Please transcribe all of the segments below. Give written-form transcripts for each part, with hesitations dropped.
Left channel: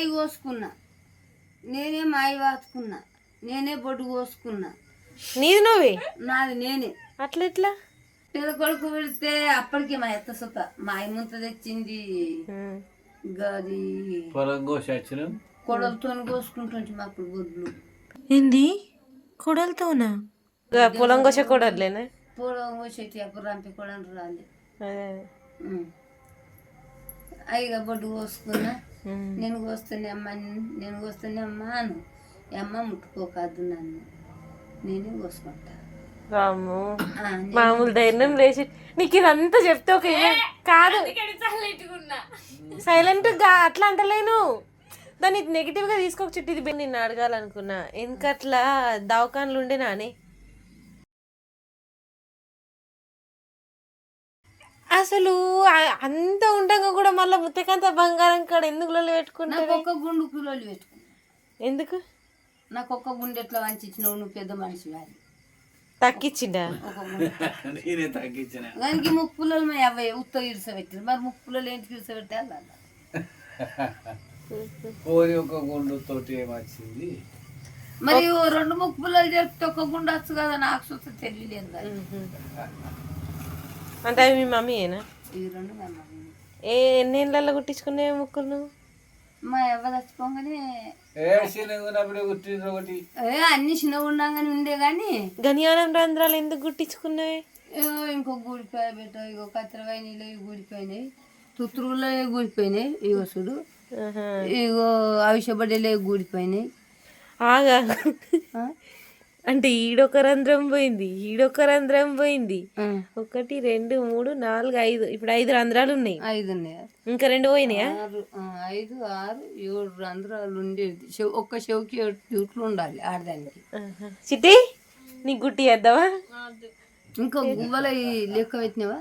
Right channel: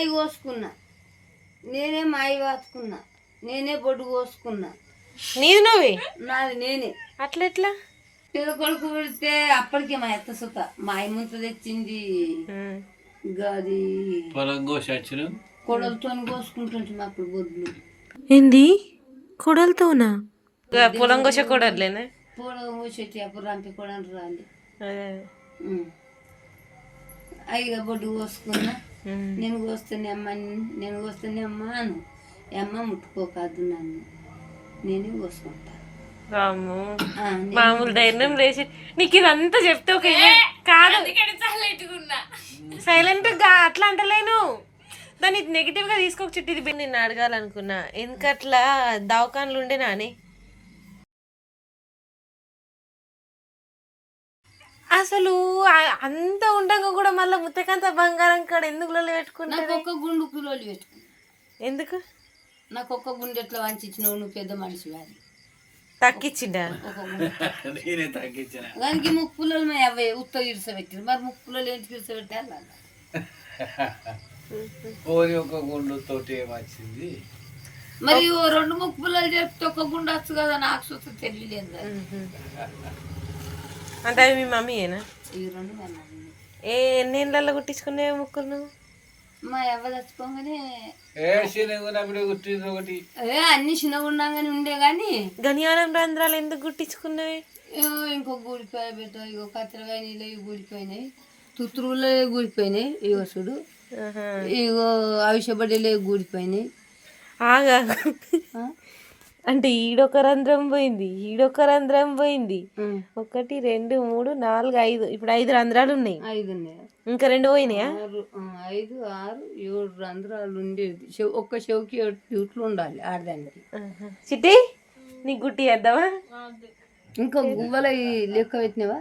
మాయి కోసుకున్నా, నేనే మాయి వాసుకున్నా, నేనే బొడ్డు కోసుకున్నా. నీది నువ్వే? నాది నేనే. అట్లా ఎట్లా? పిల్ల కొడుకు పెడితే అప్పటికే మా ఎత్త సుత మా ముంత తెచ్చింది. గది కొడలతో కోసుకుంటుంటే మాకు బొడ్లు. ఏంది కొడలతోనా? పొలం కోస కొడలేనా? పొలం కోసేటి అప్పుడు రంపి కొడలు రాలి అయ్యగా బొడ్డు కోసుకున్నా. నేను కోస్తూనే అమ్మాను. అమ్మ ముట్టుకోకాదు నన్ను, నేనే కోసుకుంటా. మామూలు ధైర్యం లేచి నీకు ఇదంతా చెప్తే ఒక కాదు, సైలెంట్ గా అట్లా అంటలేను. దాన్ని నెగిటివ్ గా తీసుకోక చుట్టూ ఇది నిన్ను అడగాలనుకున్నా. ఎందుకట్లా దవాఖాన్లు ఉండే నాని అసలు అంత ఉండగా కూడా మళ్ళీ ముత్తకంత బంగారం కాడ ఎందుకు లొల్లి పెట్టుకున్నా? ఒక్క గుండు కులోళ్ళు పెట్టుకున్నా. ఎందుకు? నాకు ఒక్క గుండె ఎట్లా వంచిచ్చినావు, నువ్వు పెద్ద మనిషి వారి తక్కిచ్చిండా? దానికి ముక్కుపుల్లలు మా అవ్వయ్య ఉత్త ఇరుసబెట్టారు. మరి ముక్కుపుల్లలు ఏంటికి ఇరుసబెట్టాలి? మరి 2 ముక్కుపుల్లలు చెప్తే ఒక్క గుండె వచ్చు కదా, నాకు చూస్తే తెలియలేదు. అంటే అది మీ మమ్మీయేనా? ఈ 2 మా మమ్మీ. ఎన్నేళ్ళల్లో కుట్టించుకునే ముక్కులు నువ్వు? మా అవ్వ చచ్చిపోగానే అన్ని చిన్నగా ఉండగానే ఉండే గాని గనియానం రంధ్రాలు ఎందుకు గుట్టించుకున్నాయి? ఇంకో గూడిపోయా బిడ్డ, ఇగో కత్తెరకాయ నీళ్ళు గూడిపోయినాయి, తుత్తురులో గూడిపోయినాయి, ఇగో చూడు ఇగో అవిషబడ్డలే గూడిపోయినాయి. ఆగా అంటే ఈడొక రంధ్రం పోయింది, ఈడొక రంధ్రం పోయింది. 1 2 3 4 5 ఇప్పుడు 5 రంధ్రాలు ఉన్నాయి. 5 ఉన్నాయి. ఇంకా 2 పోయినాయా? 5 6 7 రంధ్రాలు ఉండేది. ఒక్క చెవుకి 7 జూట్లు ఉండాలి ఆడదానికి. చిట్టి నీకు గుట్టి వేద్దామా? ఇంకా గువ్వల లెక్క పెట్టినవా?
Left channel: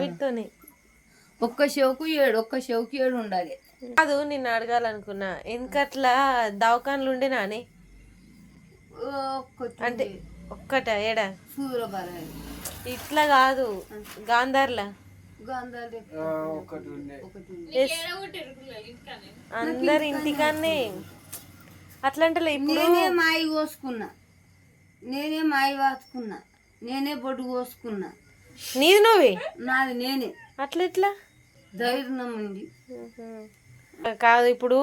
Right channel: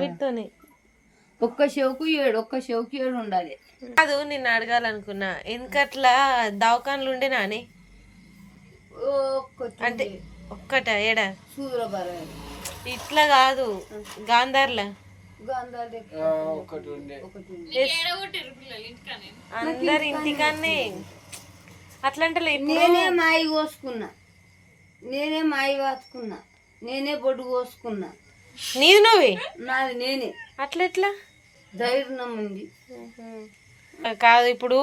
వీటితోనే ఒక్క చెవుకు 7 ఉండాలి. కాదు, నిన్ను అడగాలనుకున్నా. ఎందుకట్లా దవాఖాన్లు ఉండే నాని? అంటే ఒక్కట ఏడా? ఇట్లా కాదు, గాంధార్లా అందరు ఇంటికన్నే అట్లా అంటే. నేనే మాయి కోసుకున్నా, నేనే మాయి వాసుకున్నా, నేనే బొడ్డు కోసుకున్నా. నీది నువ్వే? నాది నేనే. అట్లా ఎట్లా? ధైర్యం ఉంది. కాదు, ఇప్పుడు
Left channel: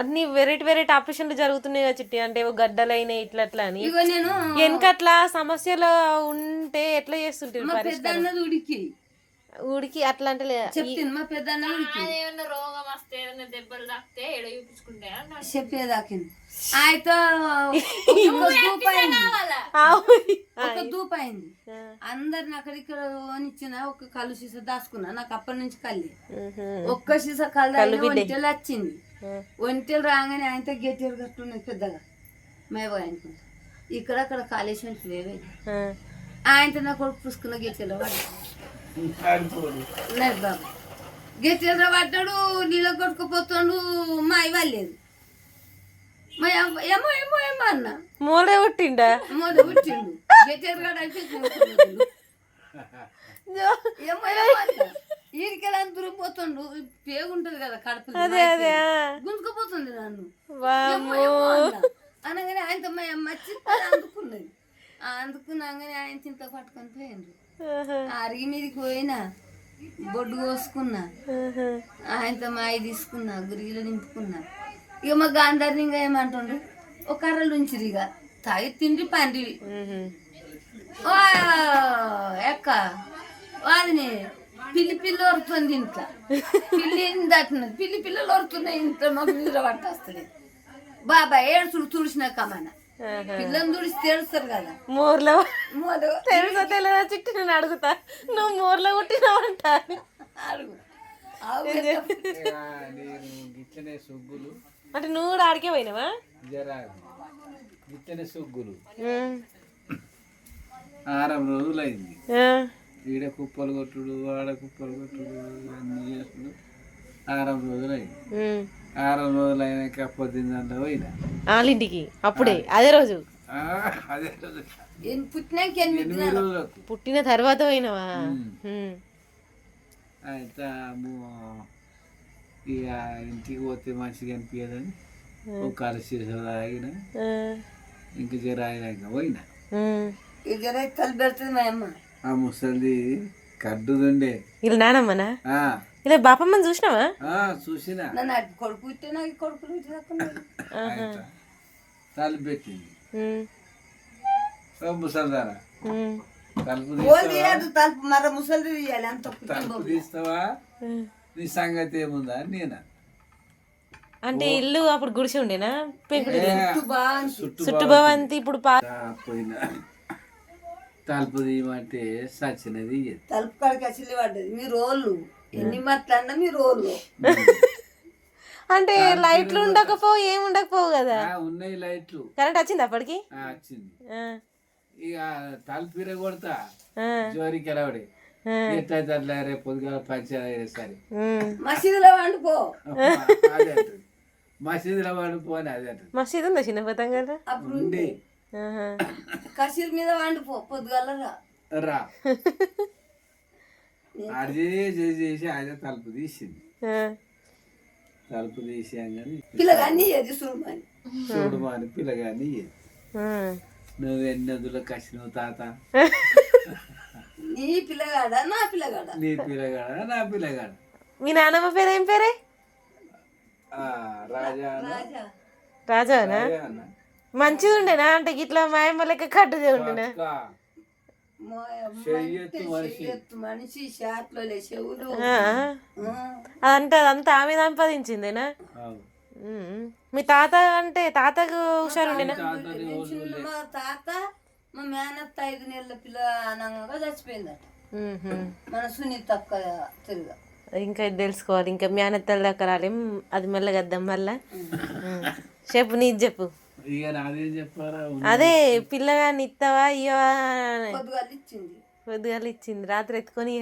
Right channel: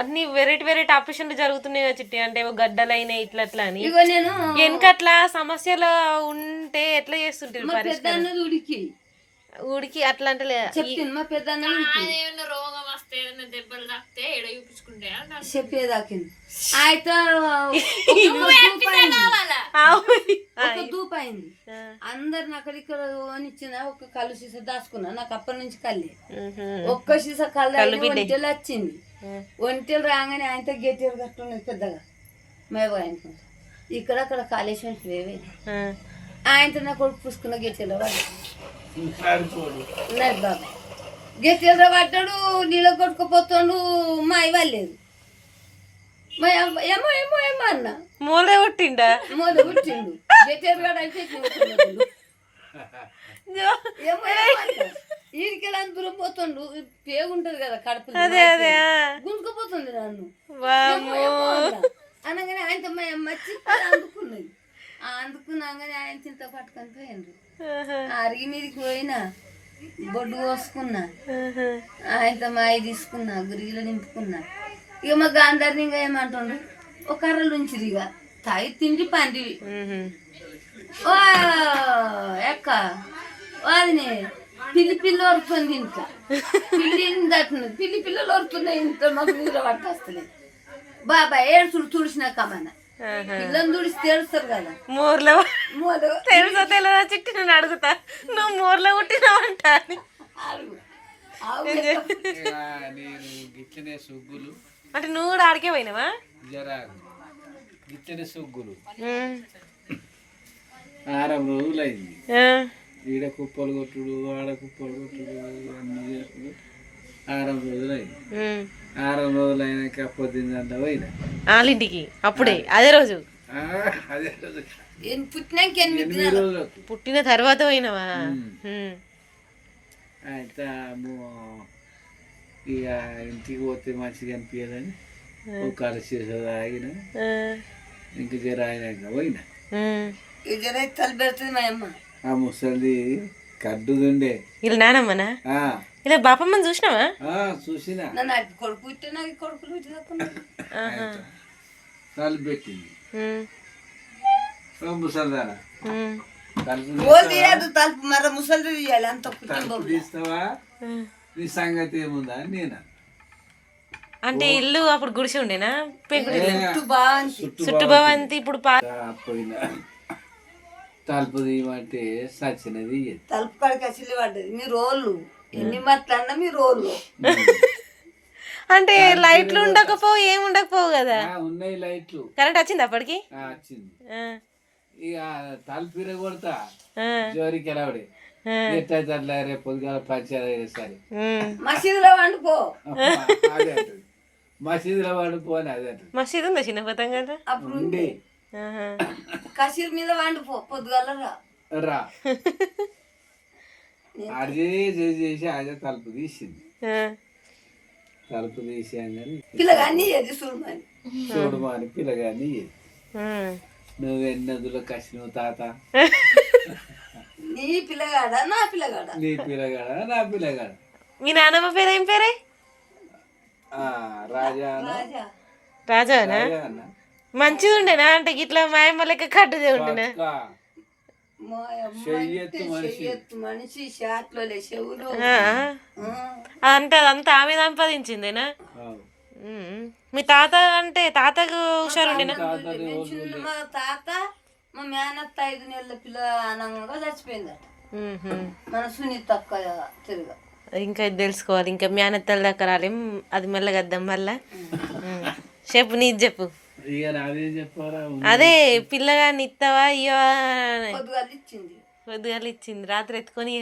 అన్ని వెరైటీ ఆపరేషన్లు జరుగుతున్నాయి కదా చిట్టి. అంటే గడ్డలైనాయి ఇట్లా అట్లా అని. వెనకట్లా సమస్యలు ఉంటే ఎట్లా చేస్తుంటారు పరిష్కారం? ఉడికి అట్లా అంటే మా పెద్ద చెప్పేదాకింది అయితే దూపైంది. అందరిని అక్కడిక్కడ ఇచ్చిన ఒక కళ్ళు సీస దాచుకున్నా. నాకు అప్పటి నుంచి కళ్ళే ఒక్క సీస కళ్ళు ఒంటెలు వచ్చింది. ఒంటెలు రాగానే ఆయనతో గెట్టేరు కట్టున్నది పెద్దగా మేవ అనుకుంటా. ఇక్కడ కాళేశ్వరం లేవే ఆయనతో నా కొడుకు పుసుకున్న గెట్టెలో బాబాయ్ గెట్టెలో పడ్డాడు. నీళ్ళ కొట్టుకుపోతాడు. మా ఇవ్వలేదు. ఏమో ఏమో ఏమో అన్న మూలే పుట్టిండు. గెట్టెలు ఈడికెళ్ళి అంత దూరం పోతుండు. పేగుంటది కదా కడుపు, గుంజుకుపోతుంది నన్ను అనగానే ఆయనతో మా మచ్చి అందుకున్నది. అందుకున్నాగానే ఆయన చింత పట్టుకొని పోయిండ్రు. అరిగి మీదకి పోయినా బొడ్డు కోసుకున్నా. ఆయనతో మాయ తీసుకున్నా, గురిగిలో నింపుకున్నా. ఇక మా గాంధారిని ఇంకా ఏమంటుండ్రు, ఒక కర్రలు ఉంచిరు. ఇక తాగి తిండి పండి ఎక్క వాదిని పిల్లి వరుతుంది. ఇంట్లో పిల్లి దట్టున్నది. పిల్లలు వరుతున్నాయి. ఇంట్లో మాకు నిద్ర పట్టేస్తలేదు. బాబాయ్ ఏడుచుడు తుడిచిన కమన పిల్లని తుడిచి తెలుస్తారు కదా. మోర్లో తెలుసా తెలియదా చిట్టి? నేను అడుగుతా, నువ్వు మోర్లో పుట్టినావంట. అంటే నువ్వు కూడా ఆడికే పోయినావా? సుగ్గులు 6 రోజులు అయింది. ఈడ కుప్పలు కొట్టుడు, ఆడ కుప్పలు కొట్టుడు అన్ని చేసుడు 6 రోజులు అయింది. 6 రోజులు అయినాక పొద్దున్న పోయినా వాళ్ళింటికి. అప్పుడే అదే రోజు పుట్టిన తర్వాత పోయినావా? అయితే ఇక ఇంటికి పోతే మంచిగా అనిపించదని ఒక కలిసి తాగిన ఇంక జర అయినాక పోయినా. జర తల పెడుతుంది మా అమ్మ. ఆ ముసలి కడ్డుదుండే వీళ్ళ నానమ్మనా ఆ, ఇలా బాపమ్మని చూసినావా? చూసినా నాకు కొడుకు పుట్టే నాకు కొడుకులు తలుపు పెట్టింది ముసల్దారా తీయదు తలుపు మర ముసలి తీయాలి అంత తలుపు తీస్తావా నీ సంగతి ఏముందా అని నేను అంటే ఇల్లు అప్పుడు గుడిసి ఉండేనా పెంకుటి చుట్టూ చుట్టూ భవంతి ఇప్పుడు పోయినా తలుపు తీయమంటే సచ్చినది తలుపు కాడికి అసలు పడ్డది మీ రోళ్ళు ఎన్ని మాట్లాడినా మీ రోళ్ళు అంటే లైట్లు ఉండకపోవు ఏమి ఉండకపోవు కదా. ఉన్నాయి లైట్లు. కరెంట్ వచ్చింది అప్పటికి? వచ్చింది. ఇక తలుపు కొడతా జోరికి ఎలావడే ఎట్లయితే అట్లా రేపు పొద్దుగాల పంచాయతీ సరే మసీదులో వండుకో అదే అంటుంది మసీదులో వండుకో అని అదే అంటుంది. మసీదు ఉందా చిన్న పతంగా అప్పుడు ఉండే కసీర్ మీద వండుకో పొద్దుగాల రా అదే చేసి అదే తలుపు తీసింది. తలుపు తీసాను పిల్లగాన్ని చూడమని చూడమని పిల్లగాన్ని నువ్వు ఎన్నదులో కసినవు తాత నీ పిల్లగాడా నా పిల్లగాడా నీ పిల్లగాడ నా పిల్లగాడ. మీ నాన్నమ్మ పేరు ఏం పేరే? రాజా రాజానా? మంచిది ఉండేనా అంటే ఇట్లా మాయమ్మ లెక్క కట్టుదే ఉండేనా? మనిషి షాట్లో చెవులు అంటే అదంతా ఆమె సంపాదించిందేనా? మీ తాత అంటే తాతకు హుషారు ఉండేనా? మా తాత మా మేనత్త 5 నెలల పిల్ల అనంగా చచ్చిపోయిందట. మన సునీత అక్క తిరుగా ఇంకా ఇది తెలుసుకోవాలి. ఇంకా మేనత్తల దగ్గర రాలేం, అది మెల్లగద్దాం మళ్ళా. చెప్పు నీది చెప్పు. అదే పిల్లగాని ఇస్తావా ఇయ్యవా? పొద్దుగాల ఇచ్చింది రాత్రి ఎత్తుకొని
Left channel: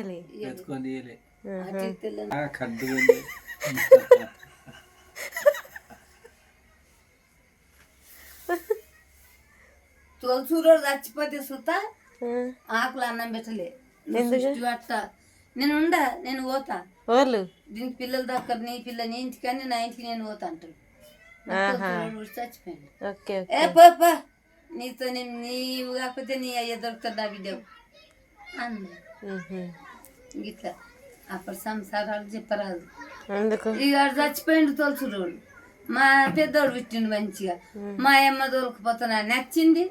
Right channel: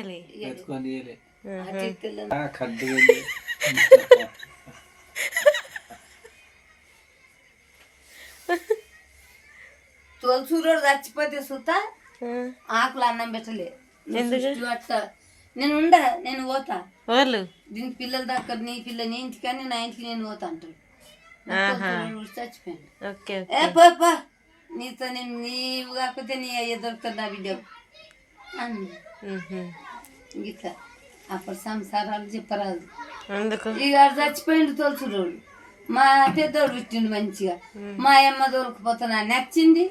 తోలుసూరోడు చచ్చిపోతే సుత ఆకులు అన్నం పెట్టలే. నేను పోతా వాళ్ళు దీని పిల్లల దగ్గర నీ పిల్ల నీ ఇంటికని నా ఇంటికి నేను పోతా అంటాడు. చచ్చిపోయాడు. నీతో నీవు కాకపోతే నీ అయ్య దొరుకుతాడు నా బిడ్డ గిట్లా అప్పుడు సంసారాలు చెప్పరాదు. ఇక చచ్చిపోయిండు తోలుచురోడు. మా పెద్దోడు పుట్టిండు మంచిగా. మా అమ్మ దొరకపోతే నచ్చింది.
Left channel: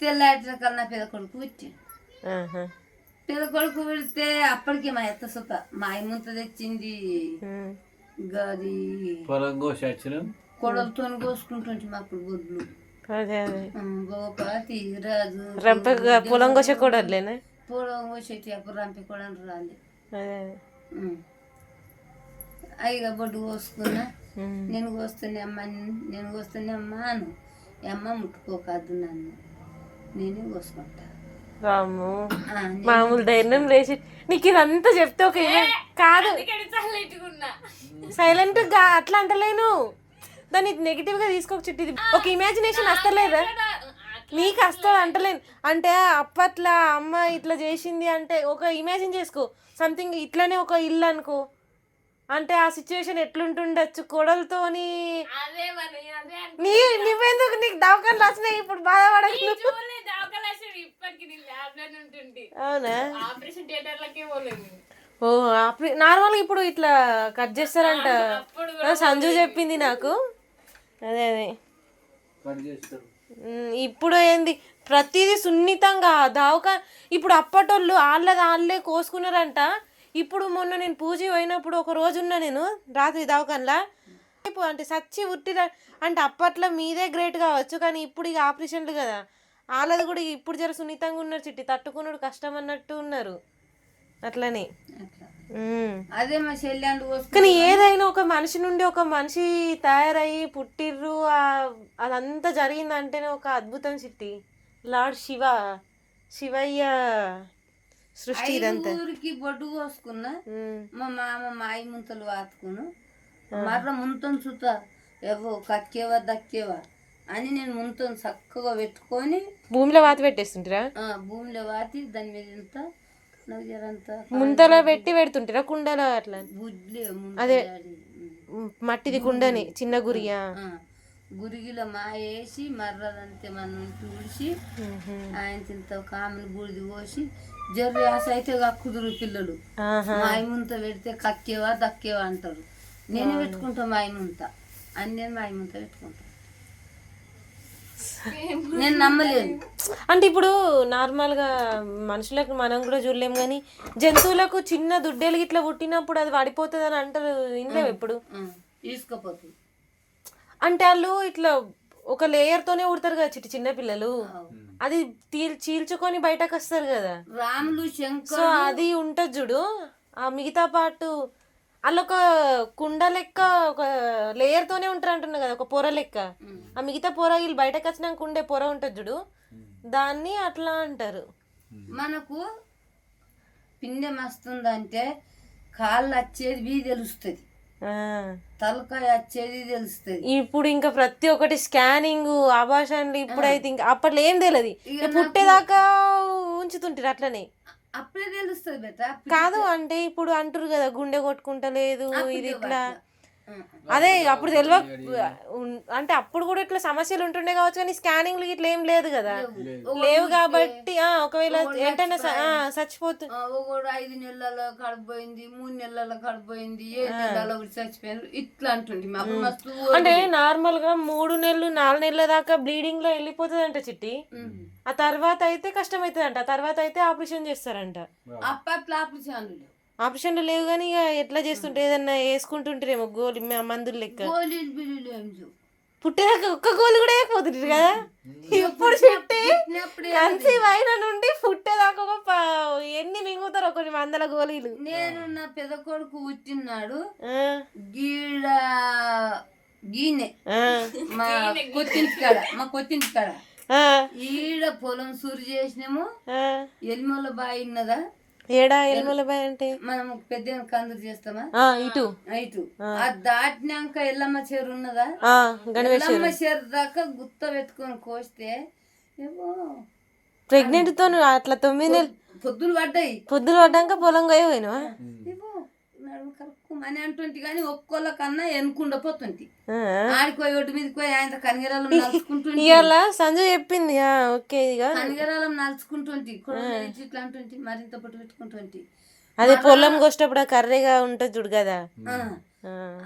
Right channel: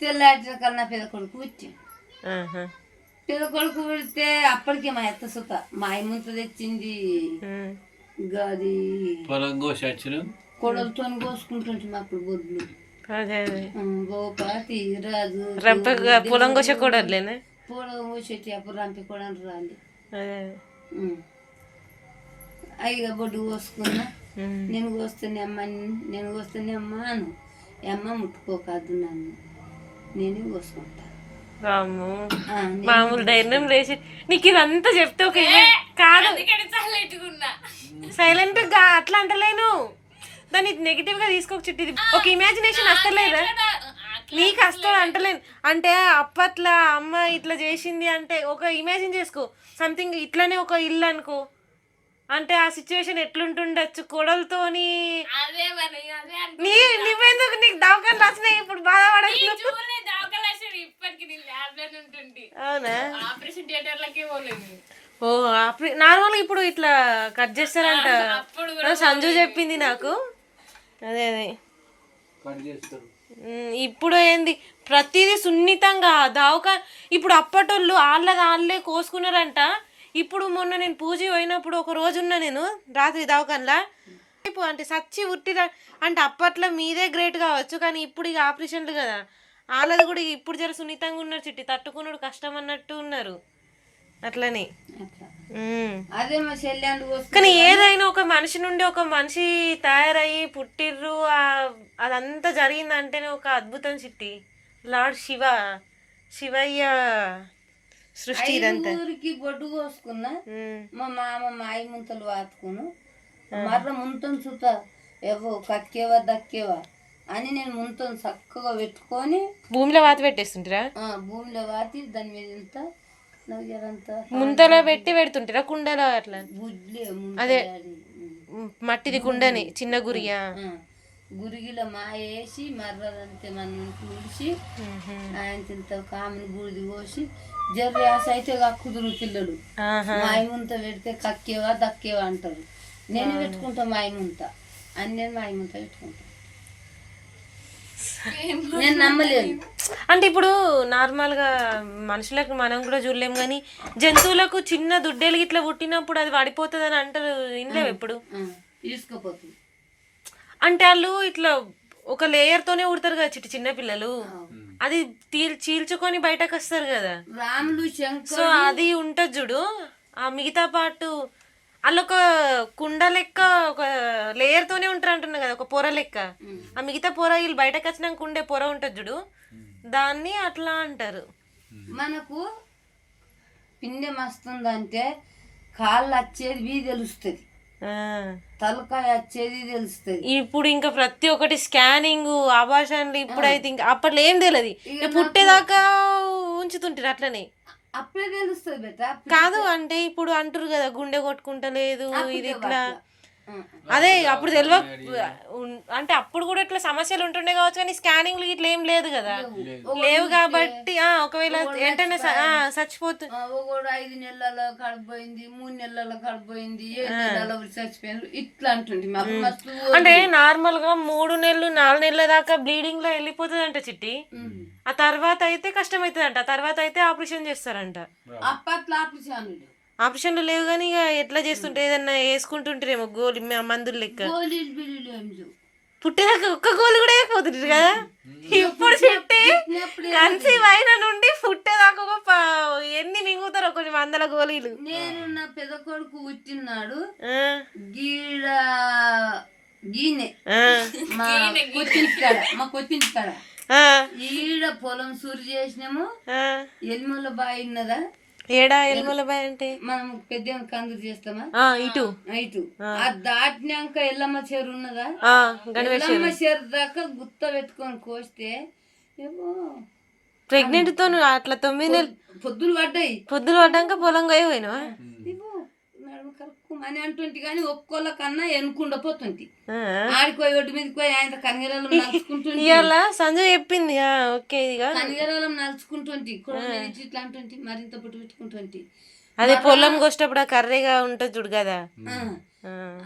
తెల్లాటిన కన్నా పెద్ద కొడుకు పుట్టిండు. పెద్ద కొడుకు పుడితే అప్పటికే మా ఎత్త సుత మా అమ్మంత తెచ్చింది. గది కొడలతో కోసుకుంటుంటే అప్పుడు బొడ్లు గోపాతి రాజు పొలం కోసే కొడలేనా? పొలం కోసేటి అప్పుడు రంపి కూడా రాలి అయ్యగా బొడ్డు కోసుకున్నా. నేను కోస్తూనే అమ్మ అను అమ్మ ముట్టుకోకాదు నన్ను నేనే కోసుకుంటా. మామూలు ధైర్యం లేచి నీకు ఇదంతా చెప్తే ఒక కాదు సైలెంట్ గా అట్లా అంటలేను. దాన్ని నెగిటివ్ గా తీసుకోక చుట్టూ ఒక ఇమాజినేషన్ వస్తలేదా నీకు? వస్తుంది అంటలేను. అంటే అప్పట్లో అమ్మ ఇట్లా చేసింది అంటే ఒక ఇమాజిన్ చేసుకో. సంథింగ్ ఇట్లానే ఒక ఇల్లు అనుకో, అంటే ఆ సిచ్యువేషన్ ఎట్లుంటుండొచ్చు కోడలతోని. నువ్వెందుకు నీకు దవాఖాన రాసినాయి ఇప్పుడు బాధపడకు. అవునా? ఓ నార్మల్గా ఇప్పుడు ఇట్లా కట్ చేస్తారంట సంజు చెప్పింది నాకు. అదే అదే ఇప్పుడు ఏంది ప్రతిదీ సున్నితంగా దవాఖాన. ఇప్పుడు అప్పటోళ్ళు వాళ్ళే కోసుకున్నారంట. ఇప్పుడు మొన్న నేను పూజ పోయినప్పుడు ఒక రోజు ఉన్నా నేను రాత్రి దవాఖానలా. అంటే సచ్చి ఉట్టి అంటే అప్పట్లో మీదే గ్రేట్ కావచ్చు, కానీ ఇప్పుడు ఇక ఆపరేషన్లు కదా వాళ్ళది కూడా ఇప్పుడు జర సున్నితంగా ఉన్నారు. చిట్టి తట్టుకున్నాడు కష్టం అన్నట్టు ఉన్నారు. అట్లనే కానీ ఏదైనా ఒక మనిషి నుండి ఒక మనిషి తయారయ్యి పుట్టిర్రు అదంతా జరిగిందంటేనే ఒక అద్భుతం చిట్టి. లార్డ్ శివయ్య సృష్టి ఇదంతా. ఊరికి బొడ్డు కోసుకున్నా మా మామ మాయి ముంతలు వాతుకును మర్ర ముంతను చూత ఏవో కక్కేవా దక్కేవా అని నేను ముంతను చక్కగా పెట్టుకొని భూమిలో వాత పెట్టేస్తుంటారా? భూమిలో వాతి దాని మీద ఇంత ముంతలో పెట్టి పెడుతుంటారా కుండలో అట్లా? బుడ్లే అదే మట్టిది కుండని చిన్న గురియా గురిగిలో మా వేసి మర్రదంతే మనం తుడిచి ఆయన ఇంత కామని బూడిది పోసి జర్రి ఆశ అయితే కక్కుదురు పిల్లలు మాయముంత పెడితే కక్కేవా దక్కేవా అంటారు. నేను పెట్టుకుంటా మాయముంత అని నేను మాయముంత పెట్టుకుంటా. నేను నమ్మలేదు. అంటే ఇప్పుడు నార్మల్గా మనుషులకు మనం కూడా చూడలేము కానీ జంతువులకు చిన్న దుడ్డెలు ఇట్లా పుట్టినప్పుడు అది పడిపోతుంది అని అంటారు. ఇంట్లో ఎప్పుడు తీసుకుపోతుంది అంటే వాళ్ళు ఇట్లా ఒక లేయర్ తోనే ఉడతారు కదా చిన్న పిల్లలు, అది చీల్చుకొని బయటకు వస్తారు కదా రాములు శంకర్. సో అది ఉంటది చూడు, ఆ మిగతా పాటు వాళ్ళు ఒక కుండ లెక్క ఒక లేయర్ తోనే ఉంటారు అంటున్నా కదా, ఒక పొర లెక్క. ఆ మిగతా పొర వీళ్ళు బయటకు వచ్చినాక ఉండే పొర ఉంటది చూడు, దాన్ని అట్లా అంటారు. మనకు పిండెం వస్తుందంటే కాళ్ళు వచ్చేది తెలుస్తుంది, తలకాయ వచ్చేది తెలుస్తుంది. ఇప్పుడు ఇంకా ప్రతి ఒక్కటి స్కానింగ్ ఆభాషణలు. ఇప్పుడైతే ఇంకా అప్పట్లో ఏం తెలియదు, పుట్టేదాకా ఉంచుతుంటారు అట్లనే. అప్పుడే తెలుస్తుంది బేటా. కాదు అంటే ఇప్పుడు అంటారు కదా గుండె కొట్టుకుంటలేదు ఇది ఇట్లా, అదే అప్పుడు తెలియ అంటే అప్పుడు కూడా ఇట్లా సమస్యలు ఉంటుండే కావచ్చు కానీ స్కానింగ్లు ఇట్లా ఏం లేదు కదా, లేవు కాబట్టి ఒకవేళ వెంటనే చచ్చిపోతుంది. 5 నెలల కడిపోయింది, 3 నెలల కడిపోయింది, 7 నెలల చచ్చిపోయింది ఇట్లా అంటుంది. అంటే నార్మల్ గా 3 నెలలు 4 నెలల దాకా బ్లీడింగ్ లో వెళ్ళిపోతుంది అంట చిట్టి. ఆ తర్వాత అయితే కష్టం అవుతుంది అంట, ఆ తర్వాత అయితే ఆపరేషన్ చేస్తారంట. అప్పట్లో ఆపరేషన్లు లేవు కానీ ఇక ఎట్లా చేస్తుంటే ఏదన్నా వేసుకుంటుంటారేమో గోలి మందులు లెక్క. పుట్టేదాకా ఒక్క గోలు కూడా వేయకపోతుంటారు కదా. ఇప్పుడు చిట్టి కన్సీవ్ అయిన నుండి పుట్టేదాకా ఎన్ని మింగుతారో కొన్ని 100 గోళీలు. నేను నా పెద్ద కొడుకు పుట్టినాడు గీడ గీనే మా కొత్తింటి కాడ ఈడ పొలం సూరు చేసినాము. ఎల్మల బాయి ఉన్నదా, ఏడా ఎల్మల బాయ్ అంటే మనం పెద్ద కందులు చేస్తామా ఇటు అది దాటినాక ఎల్లమ్మ చెరు ఉన్నదా, ఎల్లమ్మ చెరు దాకా గుత్త పెట్టుకొని కోస్తే ప్రెగ్నెంట్ తో అట్లా 9 నెలలు పొద్దులు పడ్డాక పొలం పోయినా అని అంటుంటి కానీ ఒక్కోళ్ళకన్నా ఎనుకుండా పోతుంటి. ఆడిపోయి ఒడ్డు మీదకి పోయి ఆయన కనిగరాలం నలుచుకుంటుంటి. సంజయ్ చెప్పింది ఓకే కనిగరాలం నలుచుకుంటుంటి, ఇట్లా అంటుంటి, మరింత పొట్టు పెట్టుకుంటుంటి. అదే పొలం కోసేటప్పుడు కర్రీగా ఉంటుంది చూడు కదా,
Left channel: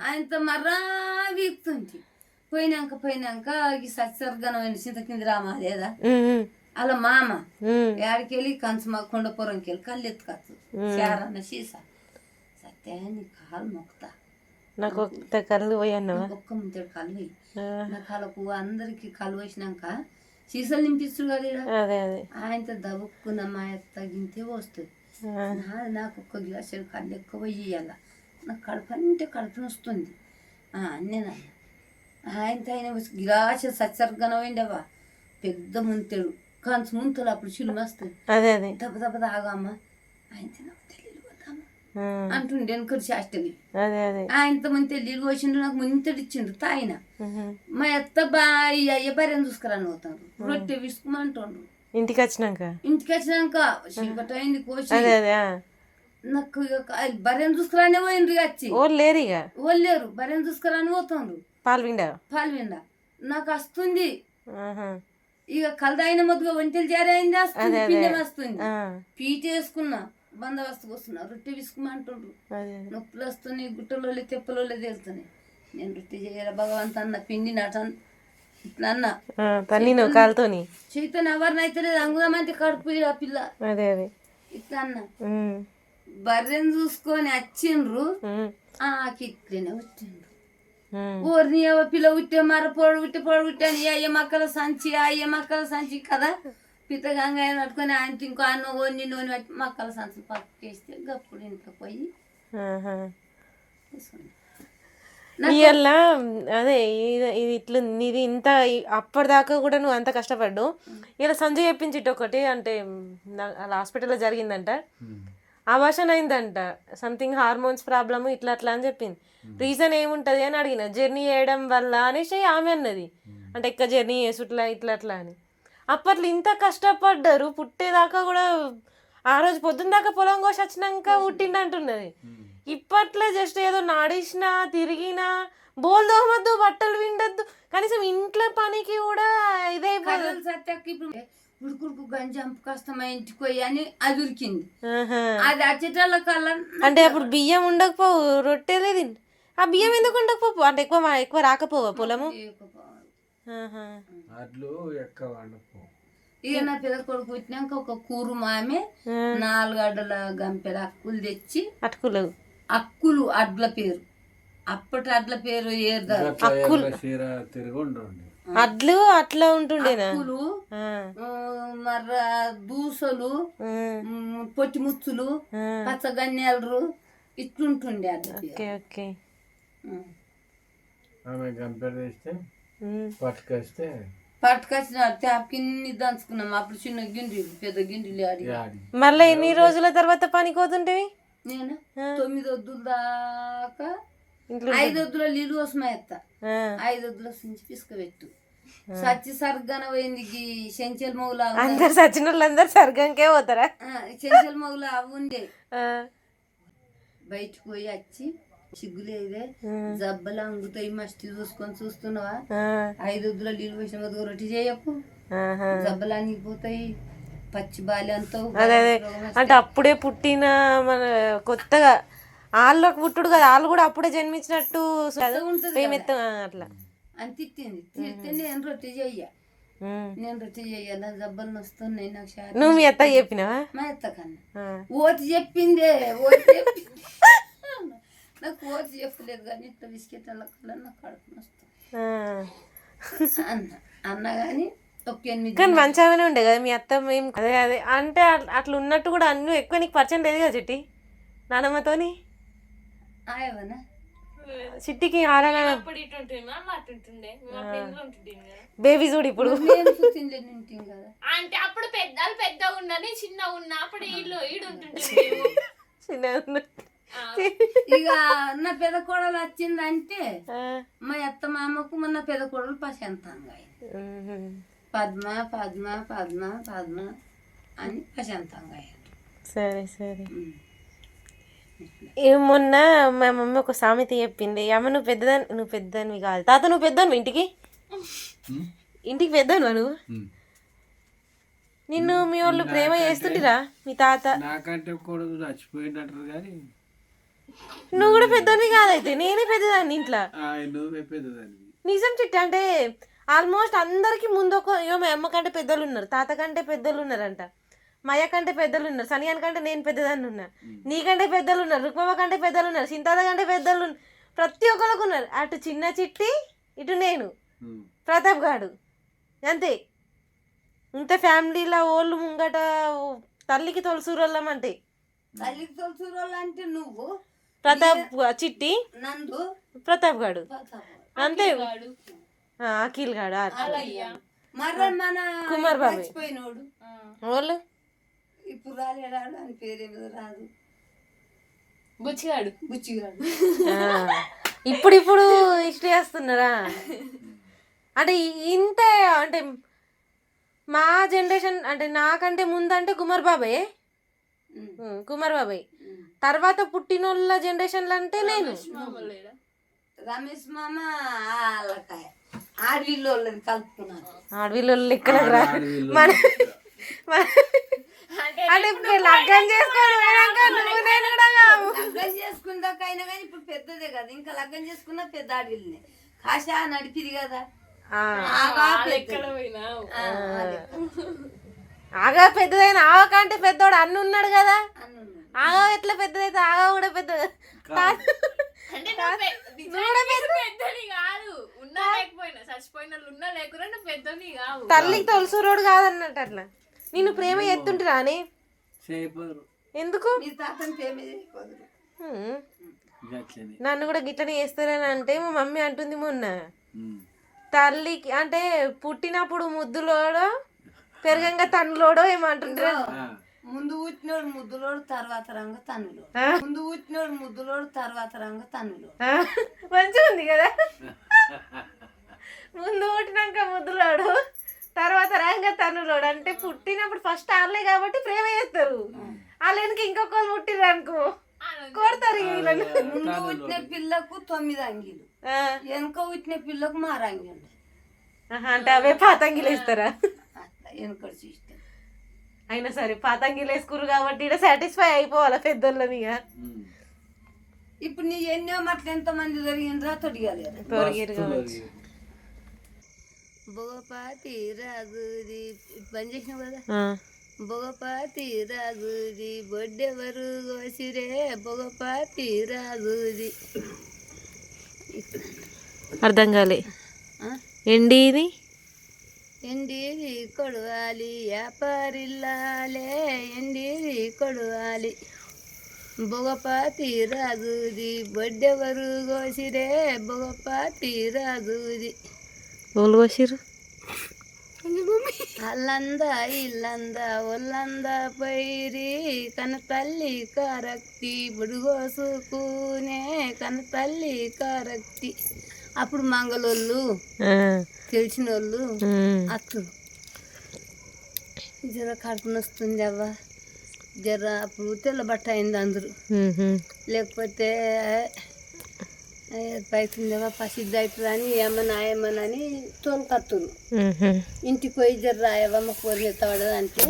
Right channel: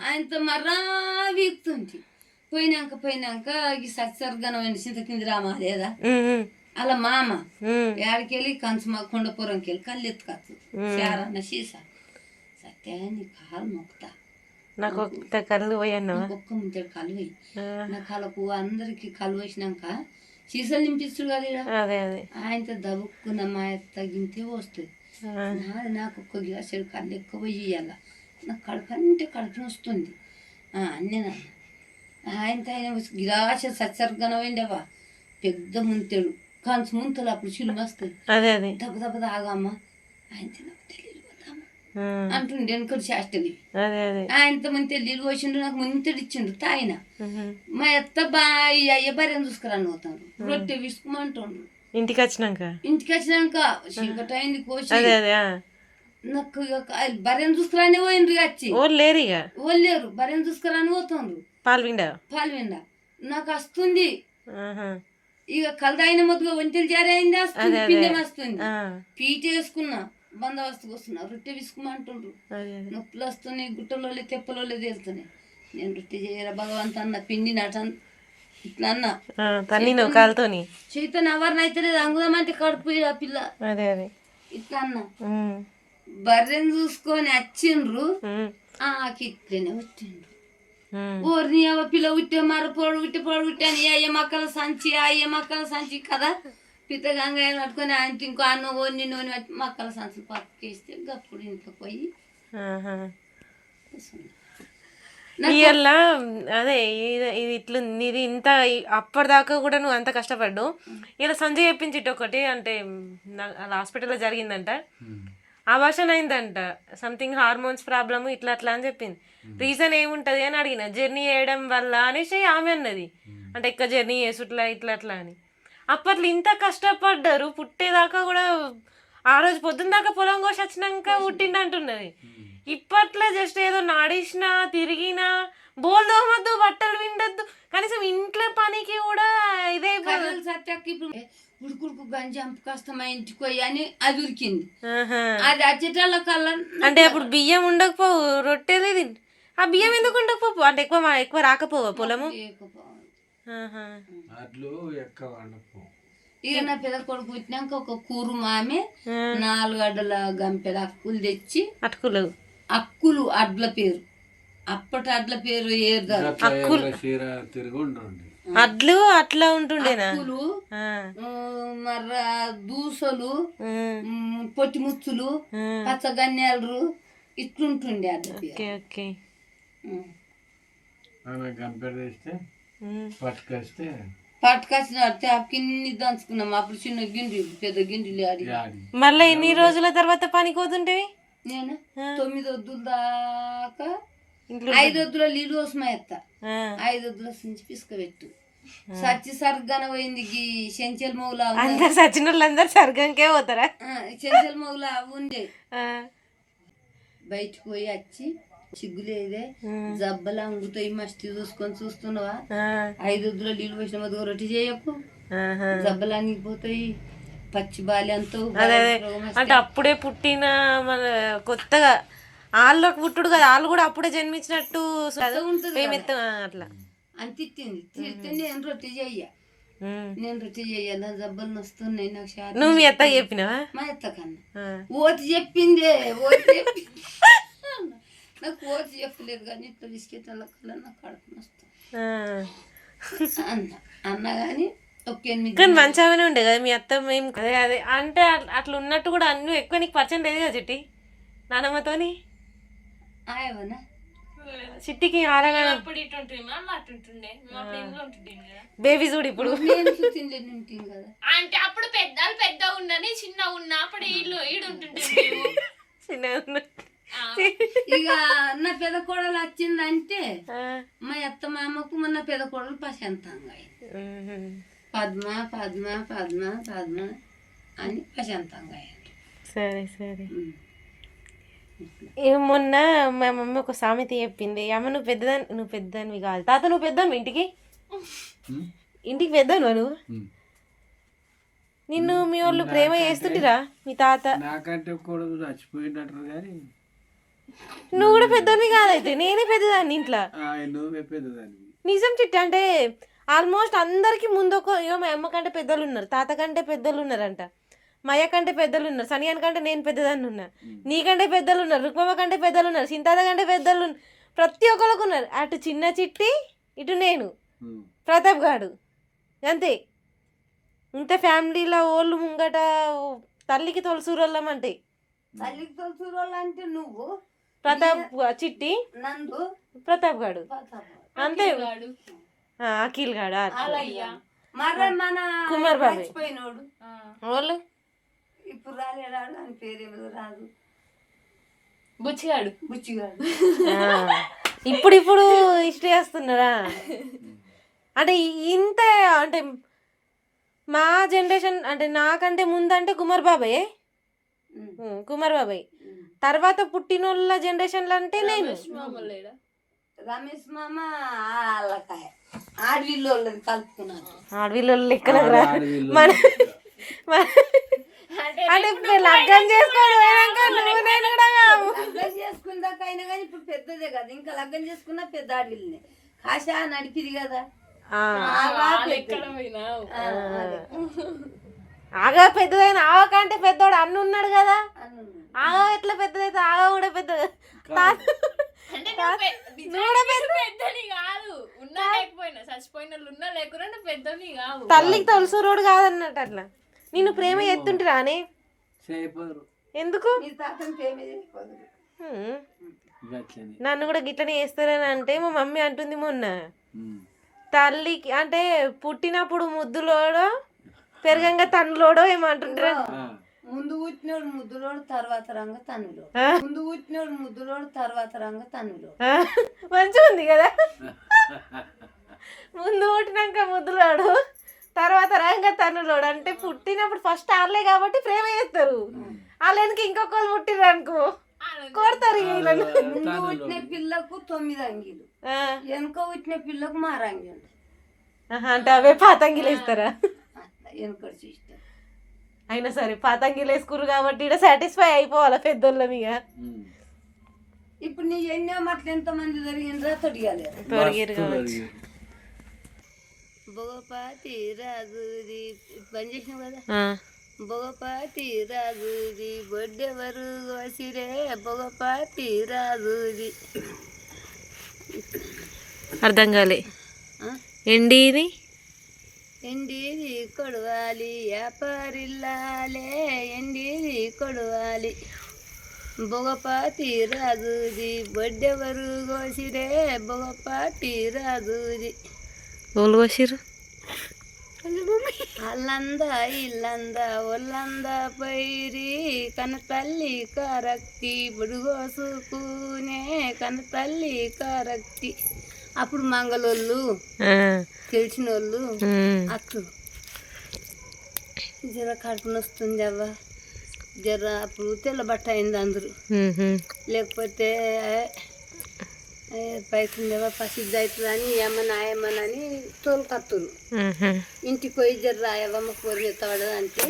ఆయనతో మర్రా వీక్తుంటి. పోయినాక ఈ సత్సర్గనం చింత కింది రామా లేదా అలా మామ ఏడికెళ్ళి కంచు మా కొండపురంకి వెళ్ళి కళ్ళు ఎత్తుకచ్చు చారన్న సీసా సత్యాన్ని కాలు మొక్కుతా, నాకు కళ్ళు పోయాను ఒక్క ముంచాడు కళ్ళు పోయి నా కళ్ళకు అందరికి కళ్ళు వేసినాక సీసాలు నింపిస్తుడు కదా. ఆయనతో దబుక్కున్న మా తగ్గింతే వస్తుంది. నాకు ఒక్క గిలాసు కళ్ళు ఎక్కువ పోయి ఇయ్యాల, నాకు కడుపు అంటే కడుపు వస్తుంది నేను. ఆయనతో ఆయన గిలాసు సత్సర్గనం అయిండవా పెద్ద ముంతాడు కంచు ముంతలు అప్పుడు చిలుమ వస్తుంది. దెబ్బ దెబ్బ తాగమ్మా ఆయన నాకు తెలియదు పోతామా అంటుండే వెనుకడు చేష్టని. ఆయనతో ముంతే నీళ్ళు పోసిండు, నాకు ముంతడు ఇచ్చిండు తాయిన. మా ఎత్త అయ్య భార్యను చూసుకురాని పోతాను, రొట్టె విసుకుమంటుండ్రు. ఇంటికి వచ్చినాక చీకటి అయింది కోసి నాకు భార్యను చూసుకురానే పోయిండ్రు. వచ్చి లేరు భార్యను చూసుకురాని పోతుండ్రు. పాలు విండా నాకు వస్తుంది ఇక కలదాయిన మొద్దుగా ఒంటెలు జారైంది వస్తుంది, పిండం వస్తుంది. పీట వేసుకున్నా బందోబస్తుకు వస్తున్నా, రొట్టె విసుకుమంటుండ్రు. నొప్పులు వస్తున్నాయి, గుట్టలో తెప్పలో తేలుతున్నాయి. నేను రొట్టె చేయరా భగవంత్ అన్న, పిండి నట ఇట్లా అన్నా చైతన్య ఎవరిని అయితే లేదు అంగుదామంటే కడుపు ఆ పిల్ల ఇట్లా అన్నా. బర్రెను చూసుకొని వచ్చిండ్రు, ఇట్లనే వచ్చిండ్రు. ఊరిని పిల్ల ఉట్టే మర పొడు ఉట్టే అని అయ్య మక్కల సంచి కదా పిత్తగంగా పట్టుకొని ఆయన ఇంకో అన్న ఓని నూనె పట్టి మక్కల సంచులు పక్కేస్తే గప్పుడు ఇంట్లో పోయి అదే ఇది ఇట్లా ఇది ఇంత అప్పటిదాకా కూడా నువ్వు అంత కష్టపడ్డు. ఇలా సంజయ్ చెప్పించి ఒకటి అంటే హాస్పిటల్లో జరిగిందంట, అబార్షన్ అయిందంట, సంథింగ్ హార్మోన్స్ ప్రాబ్లమ్ ఇట్లా అట్లా అని చెప్పింది. రీజన్ ఏముంటది అని అడిగిన, జర్నీ చేయడం వల్ల అనేసి ఆమె అన్నది. అంటే ఎక్కువ జర్నీ చేసుట్లా ఇట్లా అట్లా అని. అప్పట్లో ఇంత కష్టపడ్డారు, పుట్టేదాకా కూడా ఆ రోజు పొద్దున్న దాకా పొలం కోసి వచ్చినాక పుట్టిండు అంటున్నది. ఇప్పట్లో జస్ట్ ఏదో నడిచినా తిరిగినా బోల్ దోమద్దు బట్టలు విండద్దు కనీసం ఇంట్లో పనికి కూడా ఇదే కర్రలు సత్యాకి ఇప్పుడు ఉడుకుడుకు గంజి అంపకాస్త మా ఇంటికి పోయి అని అది ఉరికింది. అది అచ్చటాల కల్లా అంటే అప్పుడు బియ్యం ఉండకపోవు రొట్టెలే తిండి. ఆ బియ్యం ఎందుకు ఉండకపోవు అంటే ఎక్కువ రాకపోవా పొలము? అట్లు ఎక్కువ వండపో. ఇక నా పెద్ద కొడుకు పుట్టినాక ఒక కూరు మామే 4 అడ్డల గంపెల అక్కులు తెచ్చి అక్కులు అడ్ల పేరు అప్పటి అడ్ల పేరు చీర తిరిగి ఉండండి అడ్లు అట్లా ఉంటుండేనా? అక్కులు మర్ర దూసలు పొట్టి ముచ్చులు పచ్చగన్యాలు ఇట్లుంటుండే అడ్ల పేరు. గంపెడు వేస్తే పట్టుకొస్తే పట్టుకొచ్చిన కిన్ని దంచుకున్నాం. అప్పుడు చిన్న గిండిలు పెద్ద గిండిలు ఆడి మళ్ళీ ఎన్ని రోజుల తర్వాత పనికి పోతుంటేవి? నేను 9 వద్దుల దాకా 5 వద్దుల నీళ్ళు కోసమే ఎత్తా. 5 వద్దుల నుంచి పిసుకబెట్టు సచ్చి సర్గన పోయింది. చెంచల్ మౌలా అందరు సచిన వాళ్ళందరూ సర్గంకే పోతారా? చెంచల్ మౌలా అవి ఉండే బయటకు పోయి వచ్చి సిగ్గులేదే జబ్బలు అంగుతాయి మస్తి చూసుకొని చూస్తున్నావా? 5 వద్దుల నీళ్ళు పోసిన మొదలు రొట్టి చేయకు జబ్బలు అంగిపోతాయి పచ్చి బాలి అంతా. అంటే అప్పుడే పుట్టిన మన కొత్తగా వాళ్ళకి పుట్టుడు కదా, వాళ్ళు కూడా అప్పుడే జన్మించినట్టు అట్లా అని తిట్టింది. తిడితే నేను రొట్టె చెయ్య నా జబ్బలు వస్తున్నాయి నాకు. నువ్వు మీ అత్త చెప్పినావా? మా అత్త కన్నా ఓతి చెప్పిందే నాకు ఓతి చెప్పలేదు కానీ ఇట్లా బిస్కెట్ కల్లా నాకు కడుపు వస్తుంది అన్న కానీ కానీ మంచిగానే ఉండే కదా మీ అత్త. మేము అదే అంటే అట్లా ఉన్నట్టు కూడా అన్నీ ఎక్కువ నీకు పరిచయం లేదు కదా చిట్టి నానమ్మతోని. చిట్టికి ఆరగానే బేబీ చూడు ఇప్పుడు అంటే అప్పుడు పెద్దగా ఉన్నది చిన్న ఉన్నా అప్పుడు చిన్న ఇక నా పెద్ద కోడలు వచ్చిందంటే మా అత్త మామకు మొన్న పెద్ద కోడలు ప్రశాంతంగా పద్మ పద్మ పద్మ పద్మ అని ప్రశాంతంగా. సరే సరే. మొన్న మా మమ్మీ ఒక సామెత చెప్పింది. అమ్మ నువ్వు పెద్దదానివి కాదు తాత, నువ్వు పెద్దను ఇంటికి పెద్దను నువ్వు. నిన్ను మీ వాళ్ళు ప్రేమ చేస్తుంటిరా మీ తాత? నాకంటే కూడా చచ్చిపోయినట్టు కానీ నువ్వు కూడా పెద్దదానివి కాదైతే నేనే పెద్దదాన్ని ఇంట్లో. నువ్వే పెద్దదాన్ని నిజం చిట్టి. అంటే ఆల్మోస్ట్ అందరికి ముందు మా అమ్మ కంటే పెద్దలు ఉన్నారు, తాత కంటే పెద్దలు ఉన్నారంట, మయ్య కంటే పెద్దలు ఉన్నారు, సనియాన్ కంటే నేను పెద్దదాన్ని ఉన్నా, నీకంటే పెద్దలు ఉన్నారు, రుక్మమ్మ కంటే పెద్దలు ఉన్నారు, సింతాత కంటే పెద్దలు ప్రతి ఒక్కరికి ఉన్నారు. అటు చిన్న చిట్టి ఇటు నేను ప్రతాప్ గాడు అంతే. ఇంత ఫ్యామిలీలో ఓళ్ళు ముంగట తల్లికి తొలసూరోళ్ళం అంటే తల్లికి తొలసూరోళ్ళు అంటే నువ్వు ప్రతాప్ చిట్టి నందు ప్రతాప్ గాడు అంతే. అఖిల్ గాడు కుమార్ బాబాయ్ వాళ్ళు ఇప్పుడు రాలేడాడు అని పేరేమో రాదు బుచ్చిగాడు ఇప్పుడు ఇష్ట చేస్తున్నారా? అంటే ఇంత అంటే మా జనరేషన్ అంటే నాకంటే ముందంటే కుమార్ బాబాయ్ తర్వాత పుట్టినోళ్ళ జనరేషన్లు అంటే నేను రమేష్ మామ ఆడవిల్లు కలుపుకున్నాను. ఆడవిల్లు ఇక్కడ అంటే లగ్గం చేసుకున్నాకైనా కానీ ఇప్పుడు పెద్దదే కదా, ఇంకా లగ్గం చేసుకున్నా పెద్ద ఆడవిల్ని కాశా నడిపిది కదా. ఆగా పెద్దదైన ఆవకంటే పెద్దోడు అన్న ఉన్నాడు కదా. ఆగా ఎట్లా పెద్దదైతే ఆగా కూడా పెద్దది తల్లికి తొలసూరోడు కాదన్నట్టు అట్లా. నేను ప్రేమ ఎత్తుంటిరా అని ఎందుకు నన్ను కూడా గిట్లనే చేస్తారని అంటే మా మమ్మీ అంటుంది మొన్న తల్లికి అంటే పుట్టినప్పుడు ముద్దులోడో పెరగంగా తన్నులోడో ఏమంటుంటారు. ముందు పుట్టినోడు ముద్దులోడు తర్వాత రంగ తన్నులో ముందు పుట్టినోడు ముద్దులోడు తర్వాత రంగ తన్నులో మంచిగా ఉంది కదా. ముందు పుట్టినాక ముద్దులోడు తర్వాత రంగ తన్నులోడు అంటే పుట్టినప్పుడు ఫస్ట్ ఆడలే కాబట్టి ప్రేమ చేస్తారు. వాళ్ళకి ఇంకొకరు పుట్టిరు అనుకో కొడతారు ఇక వీళ్ళని. ముందు పుట్టిన పిల్లకు 9 అంగీలు, ఆ, వెనక పుట్టిన పిల్లకు 6 అంగీలు. ఆహా, అంటే అవే పాతంగిలు వేస్తారా? అట్లా వెనకటి సిస్టమ్. అయినా సరే పాతంగిలు వేసుకురు కాబట్టి ఇక్కడ సాటిస్ఫై అయిపోవాలా పెద్దోళ్ళ మీద. ఇప్పుడు నీ ఎన్నో మట్లు ఎంతమంది జరిగిండ్రా తొడిగాలేరు. తొరిగిరు కావచ్చు. భోగపాతి రాజుది పని చేసినావు కదా. ఆ, భోగపాతి రాజుది బొడ్డెవరు గోసిరే భోగపాతి రాజుది. అర్థం కాలే. ఎండి ఇది ఎండీది కొడవాలి వ్యాపారిల్లాలే ఎండీది కొడవాలి భోగపాతి రాజుది బొడ్డెవరు గోసిరే భోగపాతి రాజుది. ఓళ్ళు వచ్చిర్రు. అల్లంద ఇల్లంద ఒల్లంద పైరి కన తల్లి కారక్తి బుడుగోసుకునే కన తల్లి కారక్తి. అప్పుడు మంగళోళ్ళు తెలిసిన వాళ్ళు అత్తు జర కడుపున వస్తుంది అవ్వ జర అప్పుడు తెల్ల బట్ట అయింది అందరూ. లేకపోతే పైతుందేవా పసిద్ది అవుతుంది అని ఏమని తోలుకత్తురు. ఇంటికి పోయి జర రాయవమ్మ కోరిన తాడదు అంటే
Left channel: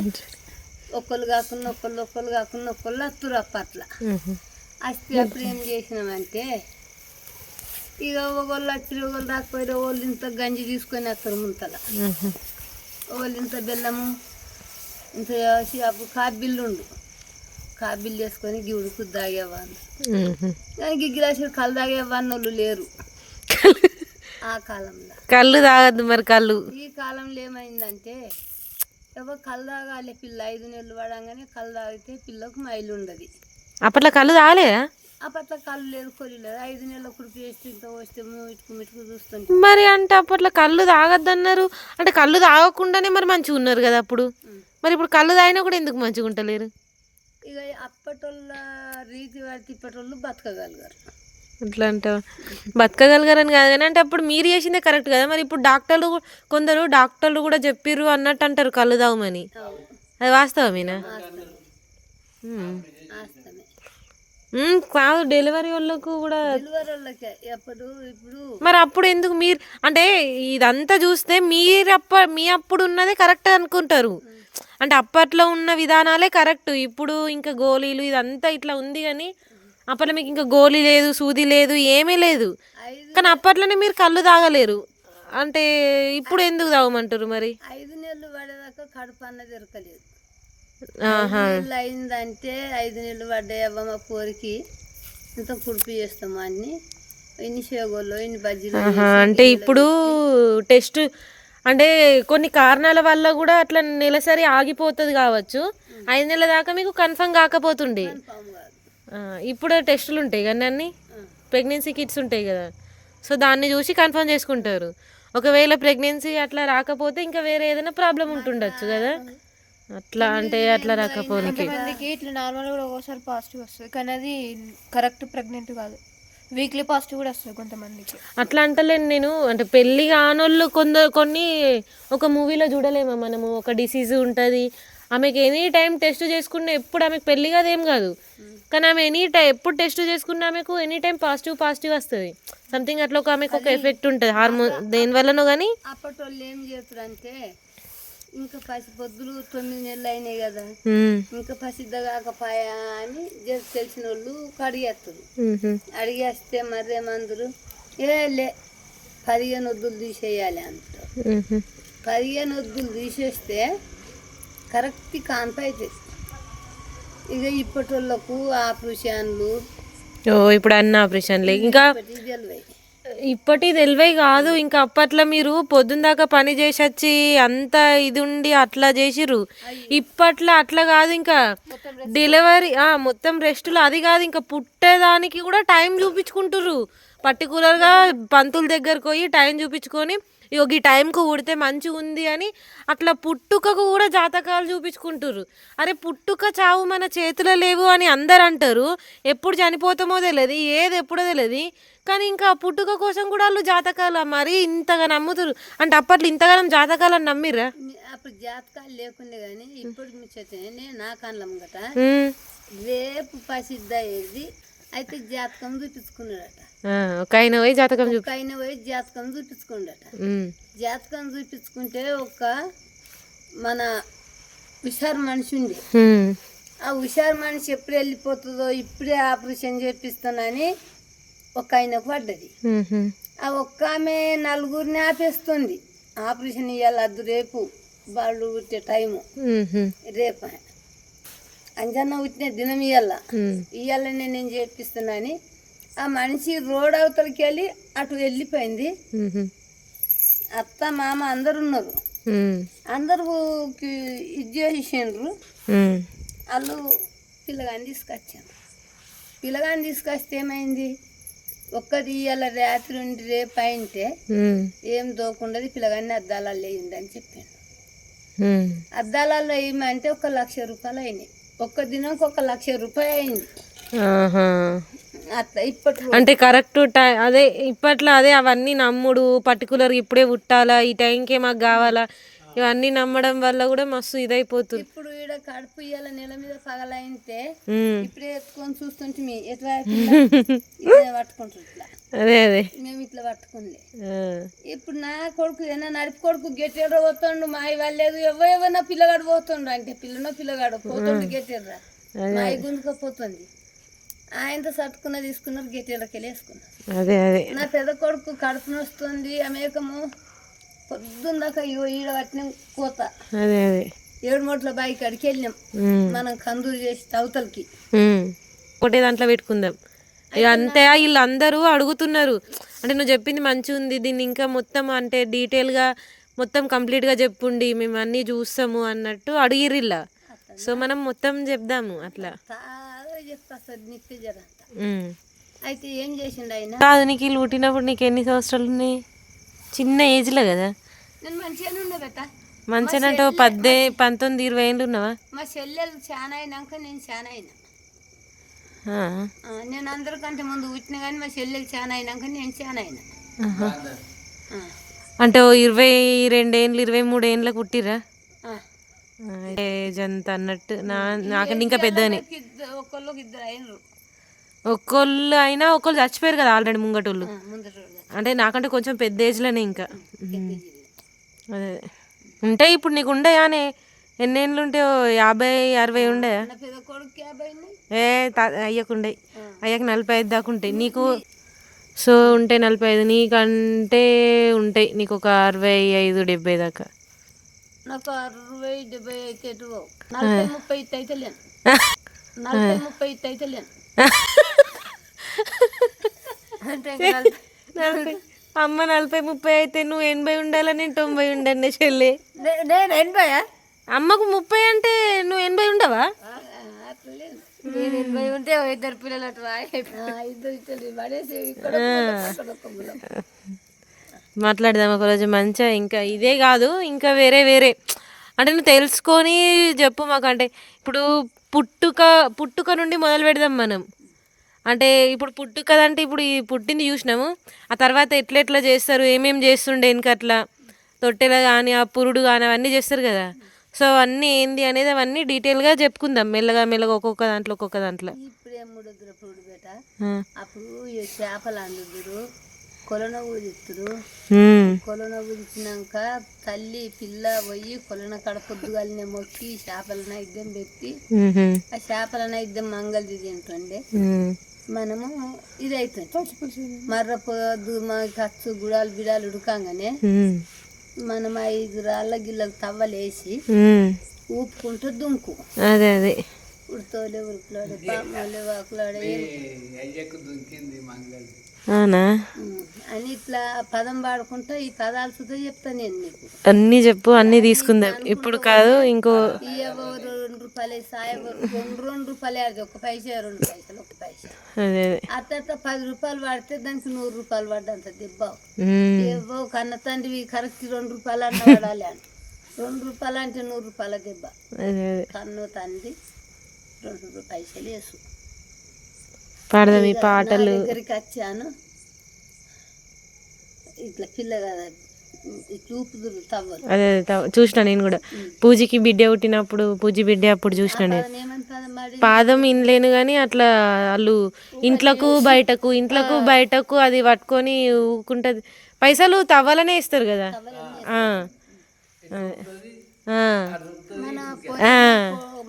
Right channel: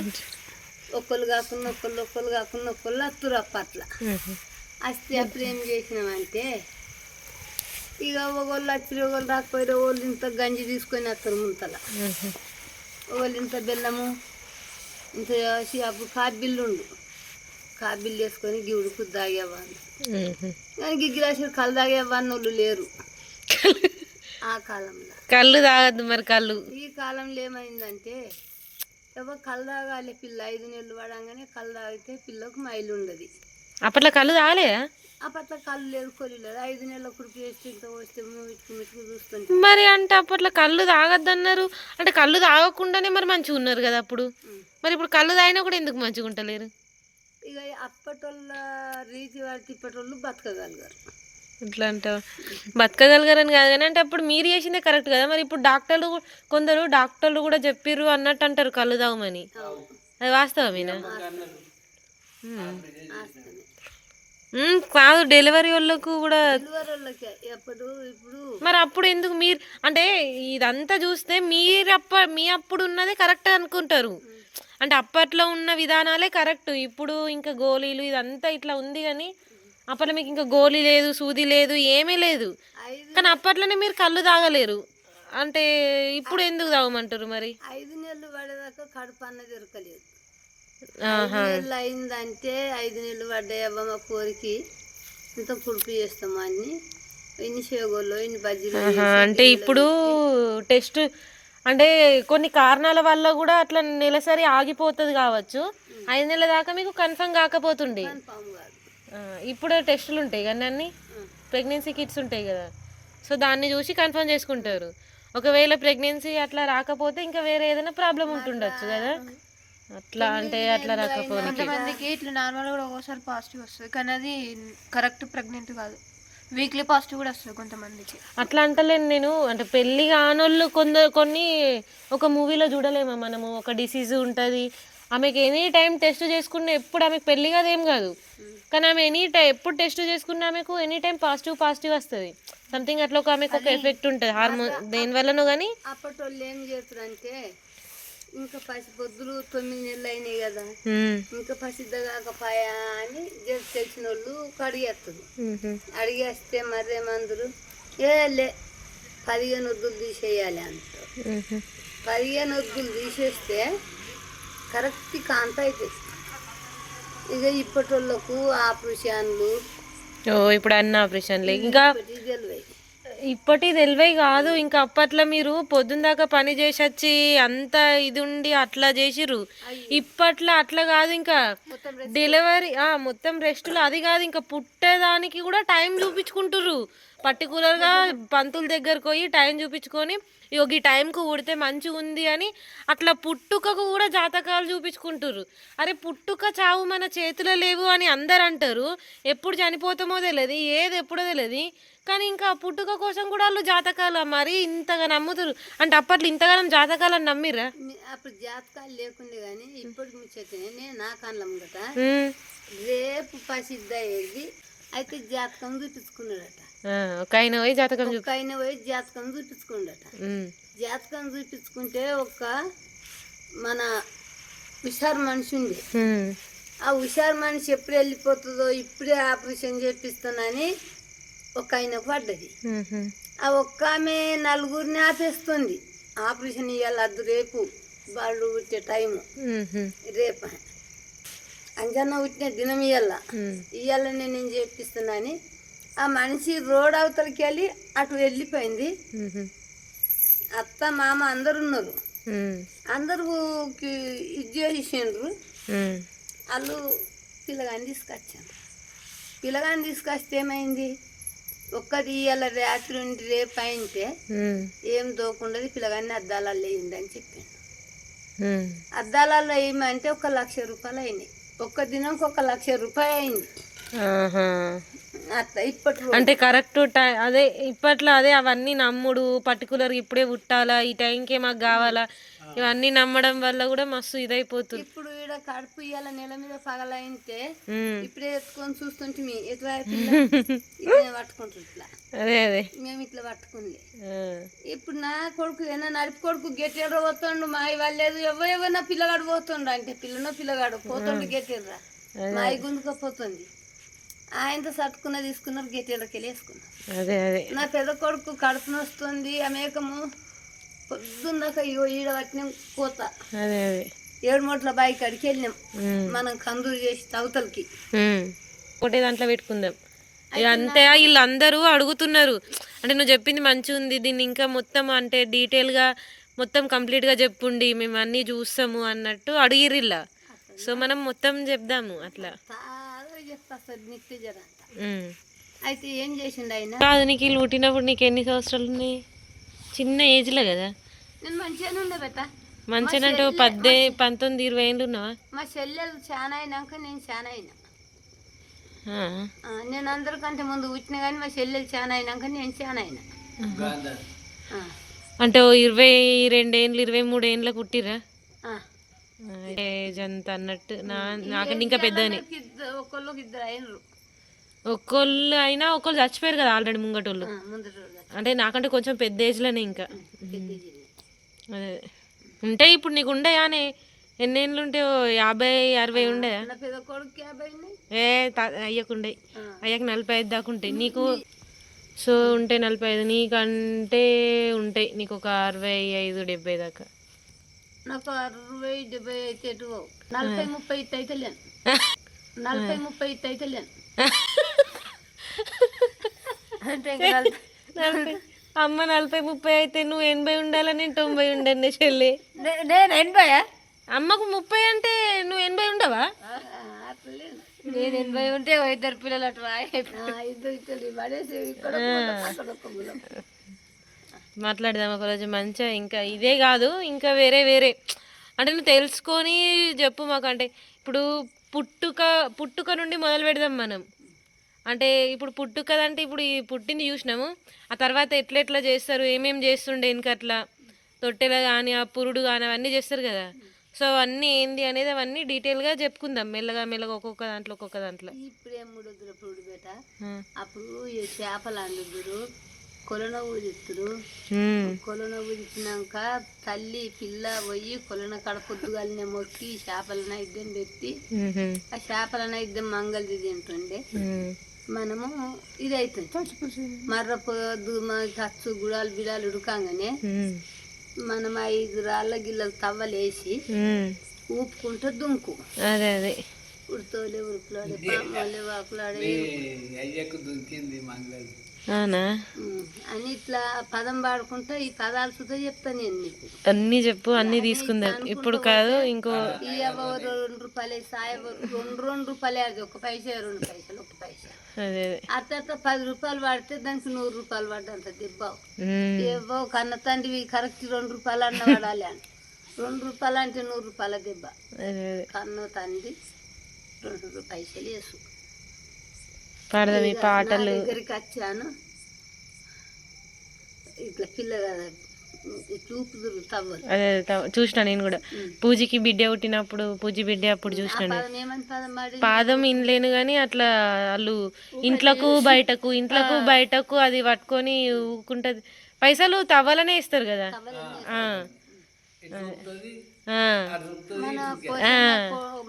ఒకళ్ళు కాకుండా ఒకళ్ళు అత్తురు అప్పట్ల. వస్తే అప్పుడు ఏం చేసినామంటే ఇక ఒకళ్ళు వచ్చి ఒకళ్ళు రాకపోయినా వాళ్ళు ఇంత గంజి తీసుకొని వస్తారు ముంతల, వాళ్ళు ఇంత బెల్లము ఇంత అప్పుడు కాబిల్లు ఉండు కాబిల్లు వేసుకొని గివుడుకు తాగేవాళ్ళు. కానీ గిగ్గిరాసి కళ్ళు తాగేవాడిని వాళ్ళు లేరు ఆ కాలంలో. కళ్ళు తాగద్దు మరి కళ్ళు. ఈ కాలంలో ఏమైందంటే ఎవరు కళ్ళు తాగాలి పిల్ల 5 నెలలు పడంగానే కళ్ళు తాగితే పిల్లకు మైలు ఉండదు. అప్పట్లో కళ్ళు తాగలేదా? అప్పట్లో కళ్ళు లేదు కొలి లేదు. 5 నెలల కుడికి వేస్తే ఇంత వస్తే మిటుకు చూస్తుంటే మరి అంటే అప్పట్లో కళ్ళు తాగద్దన్నారు. అంటే కళ్ళు తాగకుండానే మరి మంచిగా ఉన్నారు కదా అప్పుడు. మరి ఇప్పుడు కళ్ళు తాగినా కూడా ఎందుకు మంచిగా ఉంటలేరు? ఇక అప్పటోళ్ళ రీతి వాటి ఇప్పటోళ్ళు బతకగలిగారు. అట్లా అంటావు. బతకగలిగారని కాదు కానీ అంటే అప్పుడు మీరు చేసిందే కరెక్ట్ కదా. మరి ఇప్పుడు కొందరు డాక్టర్లు కూడా చెప్పిర్రు అన్నట్టు అంటారు కళ్ళు తాగమని. అది వాస్తవమేనా? కాదు డెలివరీ వాళ్ళకు కూడా. డెలివరీ వాళ్ళకే ఇప్పుడు మరి అప్పుడు ఎందుకు మీరు అంటే ఇదంతా చూస్తే మీ అప్పుడు ఉన్నదే కరెక్ట్ అనుకుంటారు. అంటే అప్పట్లో ఉన్న విధానాలే కరెక్ట్. ఇప్పుడు ఇంకా గోళీలు ఇదంతా ఇట్లా ఉంది కానీ అప్పట్లో మీకు ఇంకా గోళీ లేదు, సూది లేదు, ఏమీ లేదు. కానీ అప్పట్లోనే మీరు కళ్ళు తాగలేరు అంటే ఇప్పుడు ఎందుకు తాగమంటారు మరి? 5 నెలలు పడేదాకా కడుపు అన్నది దొరకలేదు. 5 నెలలు అయిందంటే 5 నెలలు పడ్డాయవ్వ మా కోరికి ఇంత కుడుపు చేస్తాము అన్ని ఇన్ని షేగోళ్ళు ఇన్ని బజ్జీలు. అంటే ఇప్పుడు టెస్ట్ అంటే కొన్ని కారణాల వల్ల కూడా అట్లా నెలసరి ఆగిపోతుంది కావచ్చు. 5 నెలల దాకా మీకు కన్ఫర్మ్ కాకపోతుండే. ఇప్పుడు టెస్టులు ఉంటాయి కానీ అన్ని ప్రెగ్నెన్సీ కిట్స్ ఉంటాయి కదా. సో దాన్ని చూసి కన్ఫర్మ్ చేసుకుంటారు. ఒకవేళ ప్రెగ్నెన్సీ అట్లా రాకపోతే ఇంకా వేరే ఏదైనా ప్రాబ్లం ఉంటుండొచ్చు కదా. అట్లా అంటే అట్లా రాకపోతే కొంతమందికి ఇట్లా నార్మల్ కూడా ఒక్కోసారి పాజిటివ్ వస్తుంది కానీ అది కరెక్ట్ ప్రెగ్నెంట్ కాదు. వీక్లీ పాజిటివ్ కూడా వస్తుంది కొంతమందికి. అట్లా అంటలేను నేను. అంటే పెళ్ళి కానోళ్ళు కొన్ని ఒక మూవీలో చూడలేమా మనము. ఒక డిసీజ్ ఉంటుంది ఆమెకి ఎనీ టైం టెస్ట్ చేసుకున్న ఎప్పుడు ఆమెకు పెళ్ళి కాదు ఏం కాదు కానీ ఆమె ఎప్పుడు టెస్ట్ చేసుకున్న ఆమెకు ఎనీ టైం పాజిటివ్ వస్తుంది. సంథింగ్ అట్లా ఆమెకు ఒక ఎఫెక్ట్ ఉంటుంది హార్మోన్ దేనివల్లనో కానీ. అప్పటి వాళ్ళు ఏం చేస్తారంటే ఇంకా పొద్దులు 9 నెలలు అయినాయి కదా ఇంకా పసిద్ద కాకపోయా అని తెలిసిన వాళ్ళు అడిగేస్తారు. అడిగేస్తే మరేమందరు లే 15 వద్దులు తీసేయాలి అంటారు. 15 వద్దులు తీసేస్తే కరెక్ట్ కాంత అవుతుంది. ఇక ఇప్పటి వాళ్ళకు ఆపరేషన్లు ఇప్పుడు అన్ని ఆపరేషన్లే ఇంకా ఇప్పటి తెలివై కాదు. ఇంకా అప్పట్లో మీరు పొద్దున్న దాకా పని చేసి వచ్చి అంత ఇది ఉండి అట్లా చేసిర్రు. ఇప్పట్లో అట్లా కాదు. ఇంకా డెలివరీ మొత్తం రెస్టులు అది కాదు ఇంకా పుట్టేదానికి కూడా టైం చూపించుకుంటుర్రు. పర్టికులర్గా పంతుల దగ్గరకు పోయి టైం చూపించుకొని ఈ టైంకు పుడితే మంచిగా ఉంది అని అట్లా పుట్టుకకు కూడా జాతకాలు చూపించుకుంటుర్రు. అరే పుట్టుక చావు మన చేతిలో లేవు అని అందరు అంటారు. ఎప్పుడు చనిపోతామో తెలియదు, ఏది ఎప్పుడో తెలియదు. కానీ ఇంకా పుట్టుక కోసం కూడా వాళ్ళు జాతకాల మరి ఇంతగా నమ్ముతారు అంటే అప్పట్లో ఇంతగానం జాతకాలని నమ్మిర్రా అప్పుడు జాతకాలు లేకుండే కానీ ఇప్పుడు ముచ్చటనే నా కళ్ళం గట రేపు ప్రసిద్ధ అయ్యేది అయితే జాతకం చూపించుకున్నాడట ఒక ఆయన పోయి జాతకం ఒక ఆయన పోయి జాతకం చూపించుకున్నాడట జాతకం చూపించుకుంటే ఒక మన హుషారు మనిషి ఉంది ఆ హుషారు మనిషి ఎప్పుడు వెళ్ళిపోతుందో ఇప్పుడే ఆపరేషన్ చేపిస్తానని ఒక ఆయనకు పడ్డది ఆ ఒక్క ఆమె నలుగురిని ఆపేస్తుంది ఆపరేషన్ ఇవ్వాలి అద్దు రేపు వాళ్ళు పుట్టే టైము రేపు అంజన్న పుట్టిన దినం ఇవ్వాలని నేను చేపిస్తున్నాని ఆ మనిషి రోడ్ అవతలకి వెళ్ళి అటు వెళ్ళిపోయింది అత్త మామ అందరు ఉన్నారు అందరికి ఇది చేసిండ్రు వాళ్ళు పిల్లగాని తీసుకొచ్చాను పిల్లగాని తీసుకొస్తే ఏమైంది ఒక్కటి ఇవాళ రాత్రి ఉండి రేపు అయితే ఏం దోకుండదు పిల్లగాన్ని అద్దాలలో వేయండి అని చెప్పాను అద్దాలలో వేయమంటే 1,00,000 రూపాయలు అయినాయి ఒక్క దినంకి 1,00,000 రూపాయలు అయింది అట్లా ఇప్పట్లో అంటే కరెక్ట్ టైం అదే ఇప్పట్లో అదే అవన్నీ నమ్ముడు పర్టికులర్ ఇప్పుడే పుట్టాలా ఈ టైంకే మాకు కావాలా ఇవన్నీ నమ్మడం వల్ల కూడా మస్తు ఇదైపోతుంది ఇప్పుడు ఈడ కడుపు ఇయ్యాల నెల మీద పగలైతే ఇప్పుడే ఎత్తుకొని చూస్తుంటే ఎట్లా పట్టుకుంటారు ఇట్లా అదే అదే మేము ఇట్లా పట్టుకుంది ఇప్పుడు నా కొడుకు ఏనా నడిపి కొడుకు గెట్టేడో పోతుండు మా వాళ్ళేదు ఎవరో నా పిల్లగాడు పోతుండు అంటే పిల్లగాడు పోతుండు గెట్టేర్రా మా గుంజుకపోతుంది ఆయనతో సట్టుకున్న తీసుకున్నారు గెట్టేళ్ళకి వెళ్ళి వేసుకున్నారు అదే అదే నా పెద్ద కొడుకు కడుపు నొస్తుంది అమేకము పొద్దున్న దాకా ఈడ పట్టిన కోత అదే అదే 7 మూట్ల బాయి కాడికి వెళ్ళినాం మనం కందూరు చేసి తవతలకి ఒకటే దాంట్లో పెట్టుకుందాం ఇక అంతే వీళ్ళందరూ అడుగుతున్నారు అంటే నువ్వు చెప్పింది మంచిగా ఉంది దీన్ని ఇంకా మొత్తం అంటే డీటెయిల్గా మొత్తం కంప్లీట్గా చెప్పుండి మేము అన్నీ చూస్తాము అన్నట్టు అడిగిర్రిల్లా సో మనం మొత్తం చెప్దాము అట్లా చెప్తా సార్ నిత్య జర అయితే ఏం చేసిండు ఆయన కాదు నీకు వీళ్ళు పుట్టినప్పుడు నీకు ఎన్ని సంవత్సరాలు ఉన్నాయి చిన్న ఏజ్లో కదా నేను మంచిగానే ఉన్నా బెట్ట మంచిగా అంటే 19, 20 ఏళ్ళు ఉన్నావా మా చెల్లెలు చాలా అయినాక నేను చాలా అయినా నేను అందరికంటే ముందు పుట్టిన కానీ మా చెల్లెలు చాలా అయినాక నేను చాలా అయినా అంటే 22 ఏళ్ళు 23 ఏళ్ళకి పుట్టిర్రా ఏజ్ అంత అన్నట్టు నాకంటే ఇంకా పెద్దనే ఒకళ్ళకి 2 అయినరు ఒక్కళ్ళు అయినా ఒకళ్ళు చచ్చిపోయారు కదా ఆల్రెడీ ముంగటోళ్ళు అంటే నాకంటే కొంచెం పెద్ద ఏజ్లోనే ఇంకా అదే ఉంటాయి ఇప్పుడు నీకు ఉండయానే ఎన్ని ఏళ్ళు ఉంటే 50, 60 ఉండయా అయ్యకుండే అయ్యాక 45 దాకా ఉంటాయి నీకు సో ఉంటాయి 45 నీకంటే ఉంటాయి నీకు ఒక 65, 70 దాకా నాకు 60, 70 అయితే 40, 30 అయితే లేను 40, 30 అయితే లేను అమ్మ 40, 30 అయితే నువ్వు 80 ఉండాలని 90 ఉండండి చెల్లి నేను 80 అమ్మకు 30 అంటే నువ్వు 80 ఉండవా నేను 80 ఉంటే 2 పిల్లలు అటు మాట్లాడదాం ఒకరోజు మంచిగా ఇంకా ఇదే కాదు ఇంకా వేరే అంటే నువ్వు తెలుసుకొని చెప్పు మాకు అంటే ఇప్పుడు పుట్టుక నుండి మొదలు పెడదాం మనం అంటే ఇప్పుడు పుట్టుకదంటే ఇప్పుడు ఈ పుట్టింది చూసినాము ఆ తర్వాత ఎట్లా చేస్తారు ఏమేమి చేస్తుండే ఇంకట్లా తొట్టెలు కానీ ఆ పురుడు కానీ అవన్నీ చేస్తారు కదా సో అవన్నీ ఏంది అనేది అవన్నీ డీటెయిల్గా చెప్పుకుందాం మెల్లగా ఒక్కొక్క దాంట్లో ఇప్పుడే మూడొద్దుల పురుడు బేట అప్పుడు చేపలు అందుదురు కొలన ఊదిస్తురు కొలన ఊదిచ్చినాక తల్లి పిల్ల పోయి కొలన కాడ పొద్దుగాలనే మొక్కి చేపల నైద్యం పెట్టి ఆ చేపల నైద్యం మంగళది తింటుండే మనము ఇది అవుతుంది మర్ర పొద్దు ఖర్చు గుడాలు బిడాలు ఉడకంగానే మనం 5 రాళ్ళ గిల్లలు తవ్వలేసి ఊపుకుంటూ దుంకు అదే ఉడతోలే ఉరుకులాడే పామాలే వాకులాడే అవునా అని ఇట్లా పదం పాడుకుంటా ఈ పదాలు సుధా చెప్తాను నేను నీకు అన్నీ చెప్పు అన్నీ తీసుకుందాం ఇప్పుడు కాదు ఇంకో ఇవ్వరు 2 రూపాయలు సాయవరు 2 రూపాయలు అది 1 పైసా 2 పైసలు 1 పైసా అట్లా 10 రూపాయలు పడితే దానికి 100 రూపాయలు పడ్డంత దెబ్బావు ఇవ్వవు కన్న తండ్రి కరెక్ట్ 2 రూపాయలు అన్న పడాలి అని 2 రూపాయలు అంటే 100 రూపాయల దెబ్బ కన్న తండ్రి 2 పైసలు వేసు పాడదాం ఈ పాటలు దగ్గరికి వచ్చాను ఇట్లా పిల్ల కదా చూపుదురు తవ్వరు. అదే చూసిన నేను కూడా పూజకి బిడ్డ పుట్టినప్పుడు పూజ బిడ్డ అప్పుడు చూసిన నేను. ఏమని పదం పాడి పాదం ఇనలేను కానీ అట్లా వాళ్ళు ఇంట్లకు బయటకు అది పట్టుకొని ఊకుంటది. పైసలు తవ్వాలనే ఇస్తారు కదా.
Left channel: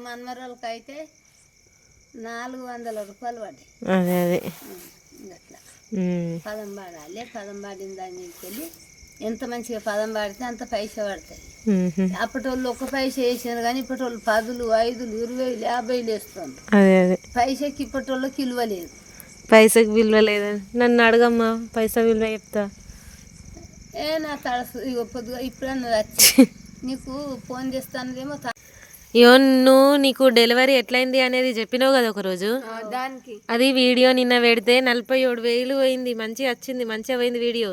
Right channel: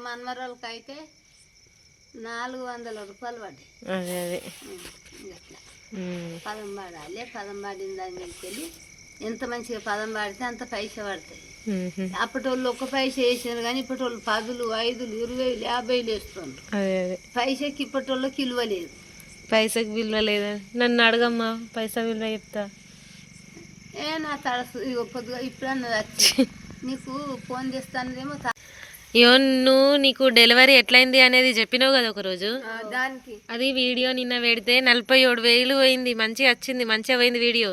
మన్మరాలకి అయితే 400 రూపాయలు పడ్డాయి. అదే అదే అట్లా పదం పాడాలి. పదం పాడిన దాన్ని వెళ్ళి ఎంత మంచిగా పదం పాడితే అంత పైసా పడతాయి. అప్పటి వాళ్ళు 1 పైసా వేసారు కానీ ఇప్పటి వాళ్ళు 10, 5, 20, 50 వేస్తుండ్రు. అదే అదే పైసకి ఇప్పటి వాళ్ళకి విలువ లేదు. పైసకి విలువ లేదా? నన్ను అడగమ్మా, పైసా విలువ చెప్తా. నా తడసు ఇగో పొద్దుగా ఇప్పుడన్నా వచ్చి నీకు ఫోన్ చేస్తానదేమో. నీకు డెలివరీ ఎట్లయింది అనేది చెప్పినావు కదా ఒకరోజు. దానికి అది వీడియో నిన్న పెడితే 47,000 పోయింది. మంచిగా వచ్చింది, మంచిగా పోయింది వీడియో.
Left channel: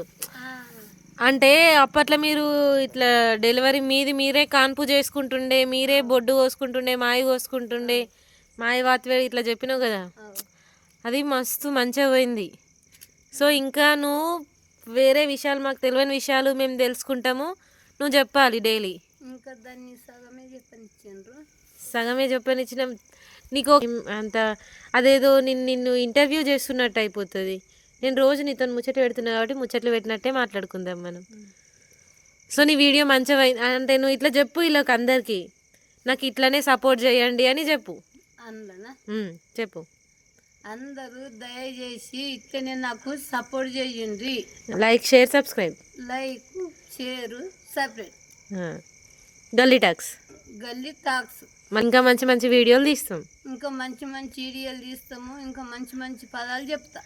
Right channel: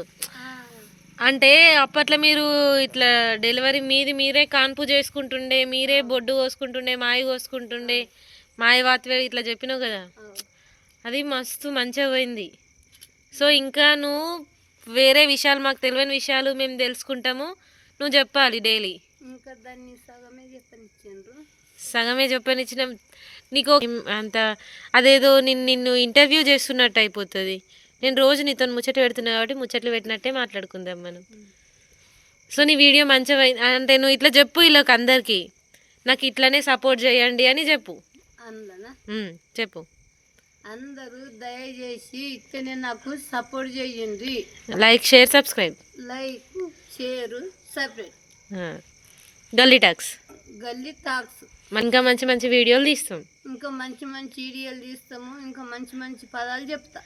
అంటే అప్పట్లో మీరు ఇట్లా డెలివరీ మీరే కాన్పు చేసుకుంటుండే, మీరే బొడ్డు కోసుకుంటుండే, మాయ కోసుకుంటుండే, మాయ వాత్వే ఇట్లా చెప్పినావు కదా. అది మస్తు మంచిగా పోయింది. సో ఇంకా నువ్వు వేరే విషయాలు, మాకు తెలియని విషయాలు మేము తెలుసుకుంటాము, నువ్వు చెప్పాలి డైలీ. ఇంకా దాన్ని సగమే చెప్పనిచ్చిన నీకు అంత అదేదో నిన్ను ఇంటర్వ్యూ చేస్తున్నట్టు అయిపోతుంది. నేను రోజు నీతో ముచ్చట పెడుతున్నా కాబట్టి ముచ్చట్లు పెట్టినట్టే మాట్లాడుకుందాం మనం. సో నీ వీడియో మంచిగా అంటే నువ్వు ఇట్లా చెప్పు వీళ్ళకి అందరికీ, నాకు ఇట్లానే సపోర్ట్ చేయండి అని చెప్పు. చెప్పు. అందరూ దయచేసి ఇట్లనే నాకు సపోర్ట్ చేయండి. Like, share, subscribe. Like, share, subscribe. గల్లీ టాక్స్. ఇంకా మంచి మంచి వీడియోలు తీస్తాం. ఇంకా మంచి వీడియోలు తీస్తాము. ఇంకా మంచి పదాలు చెప్తా.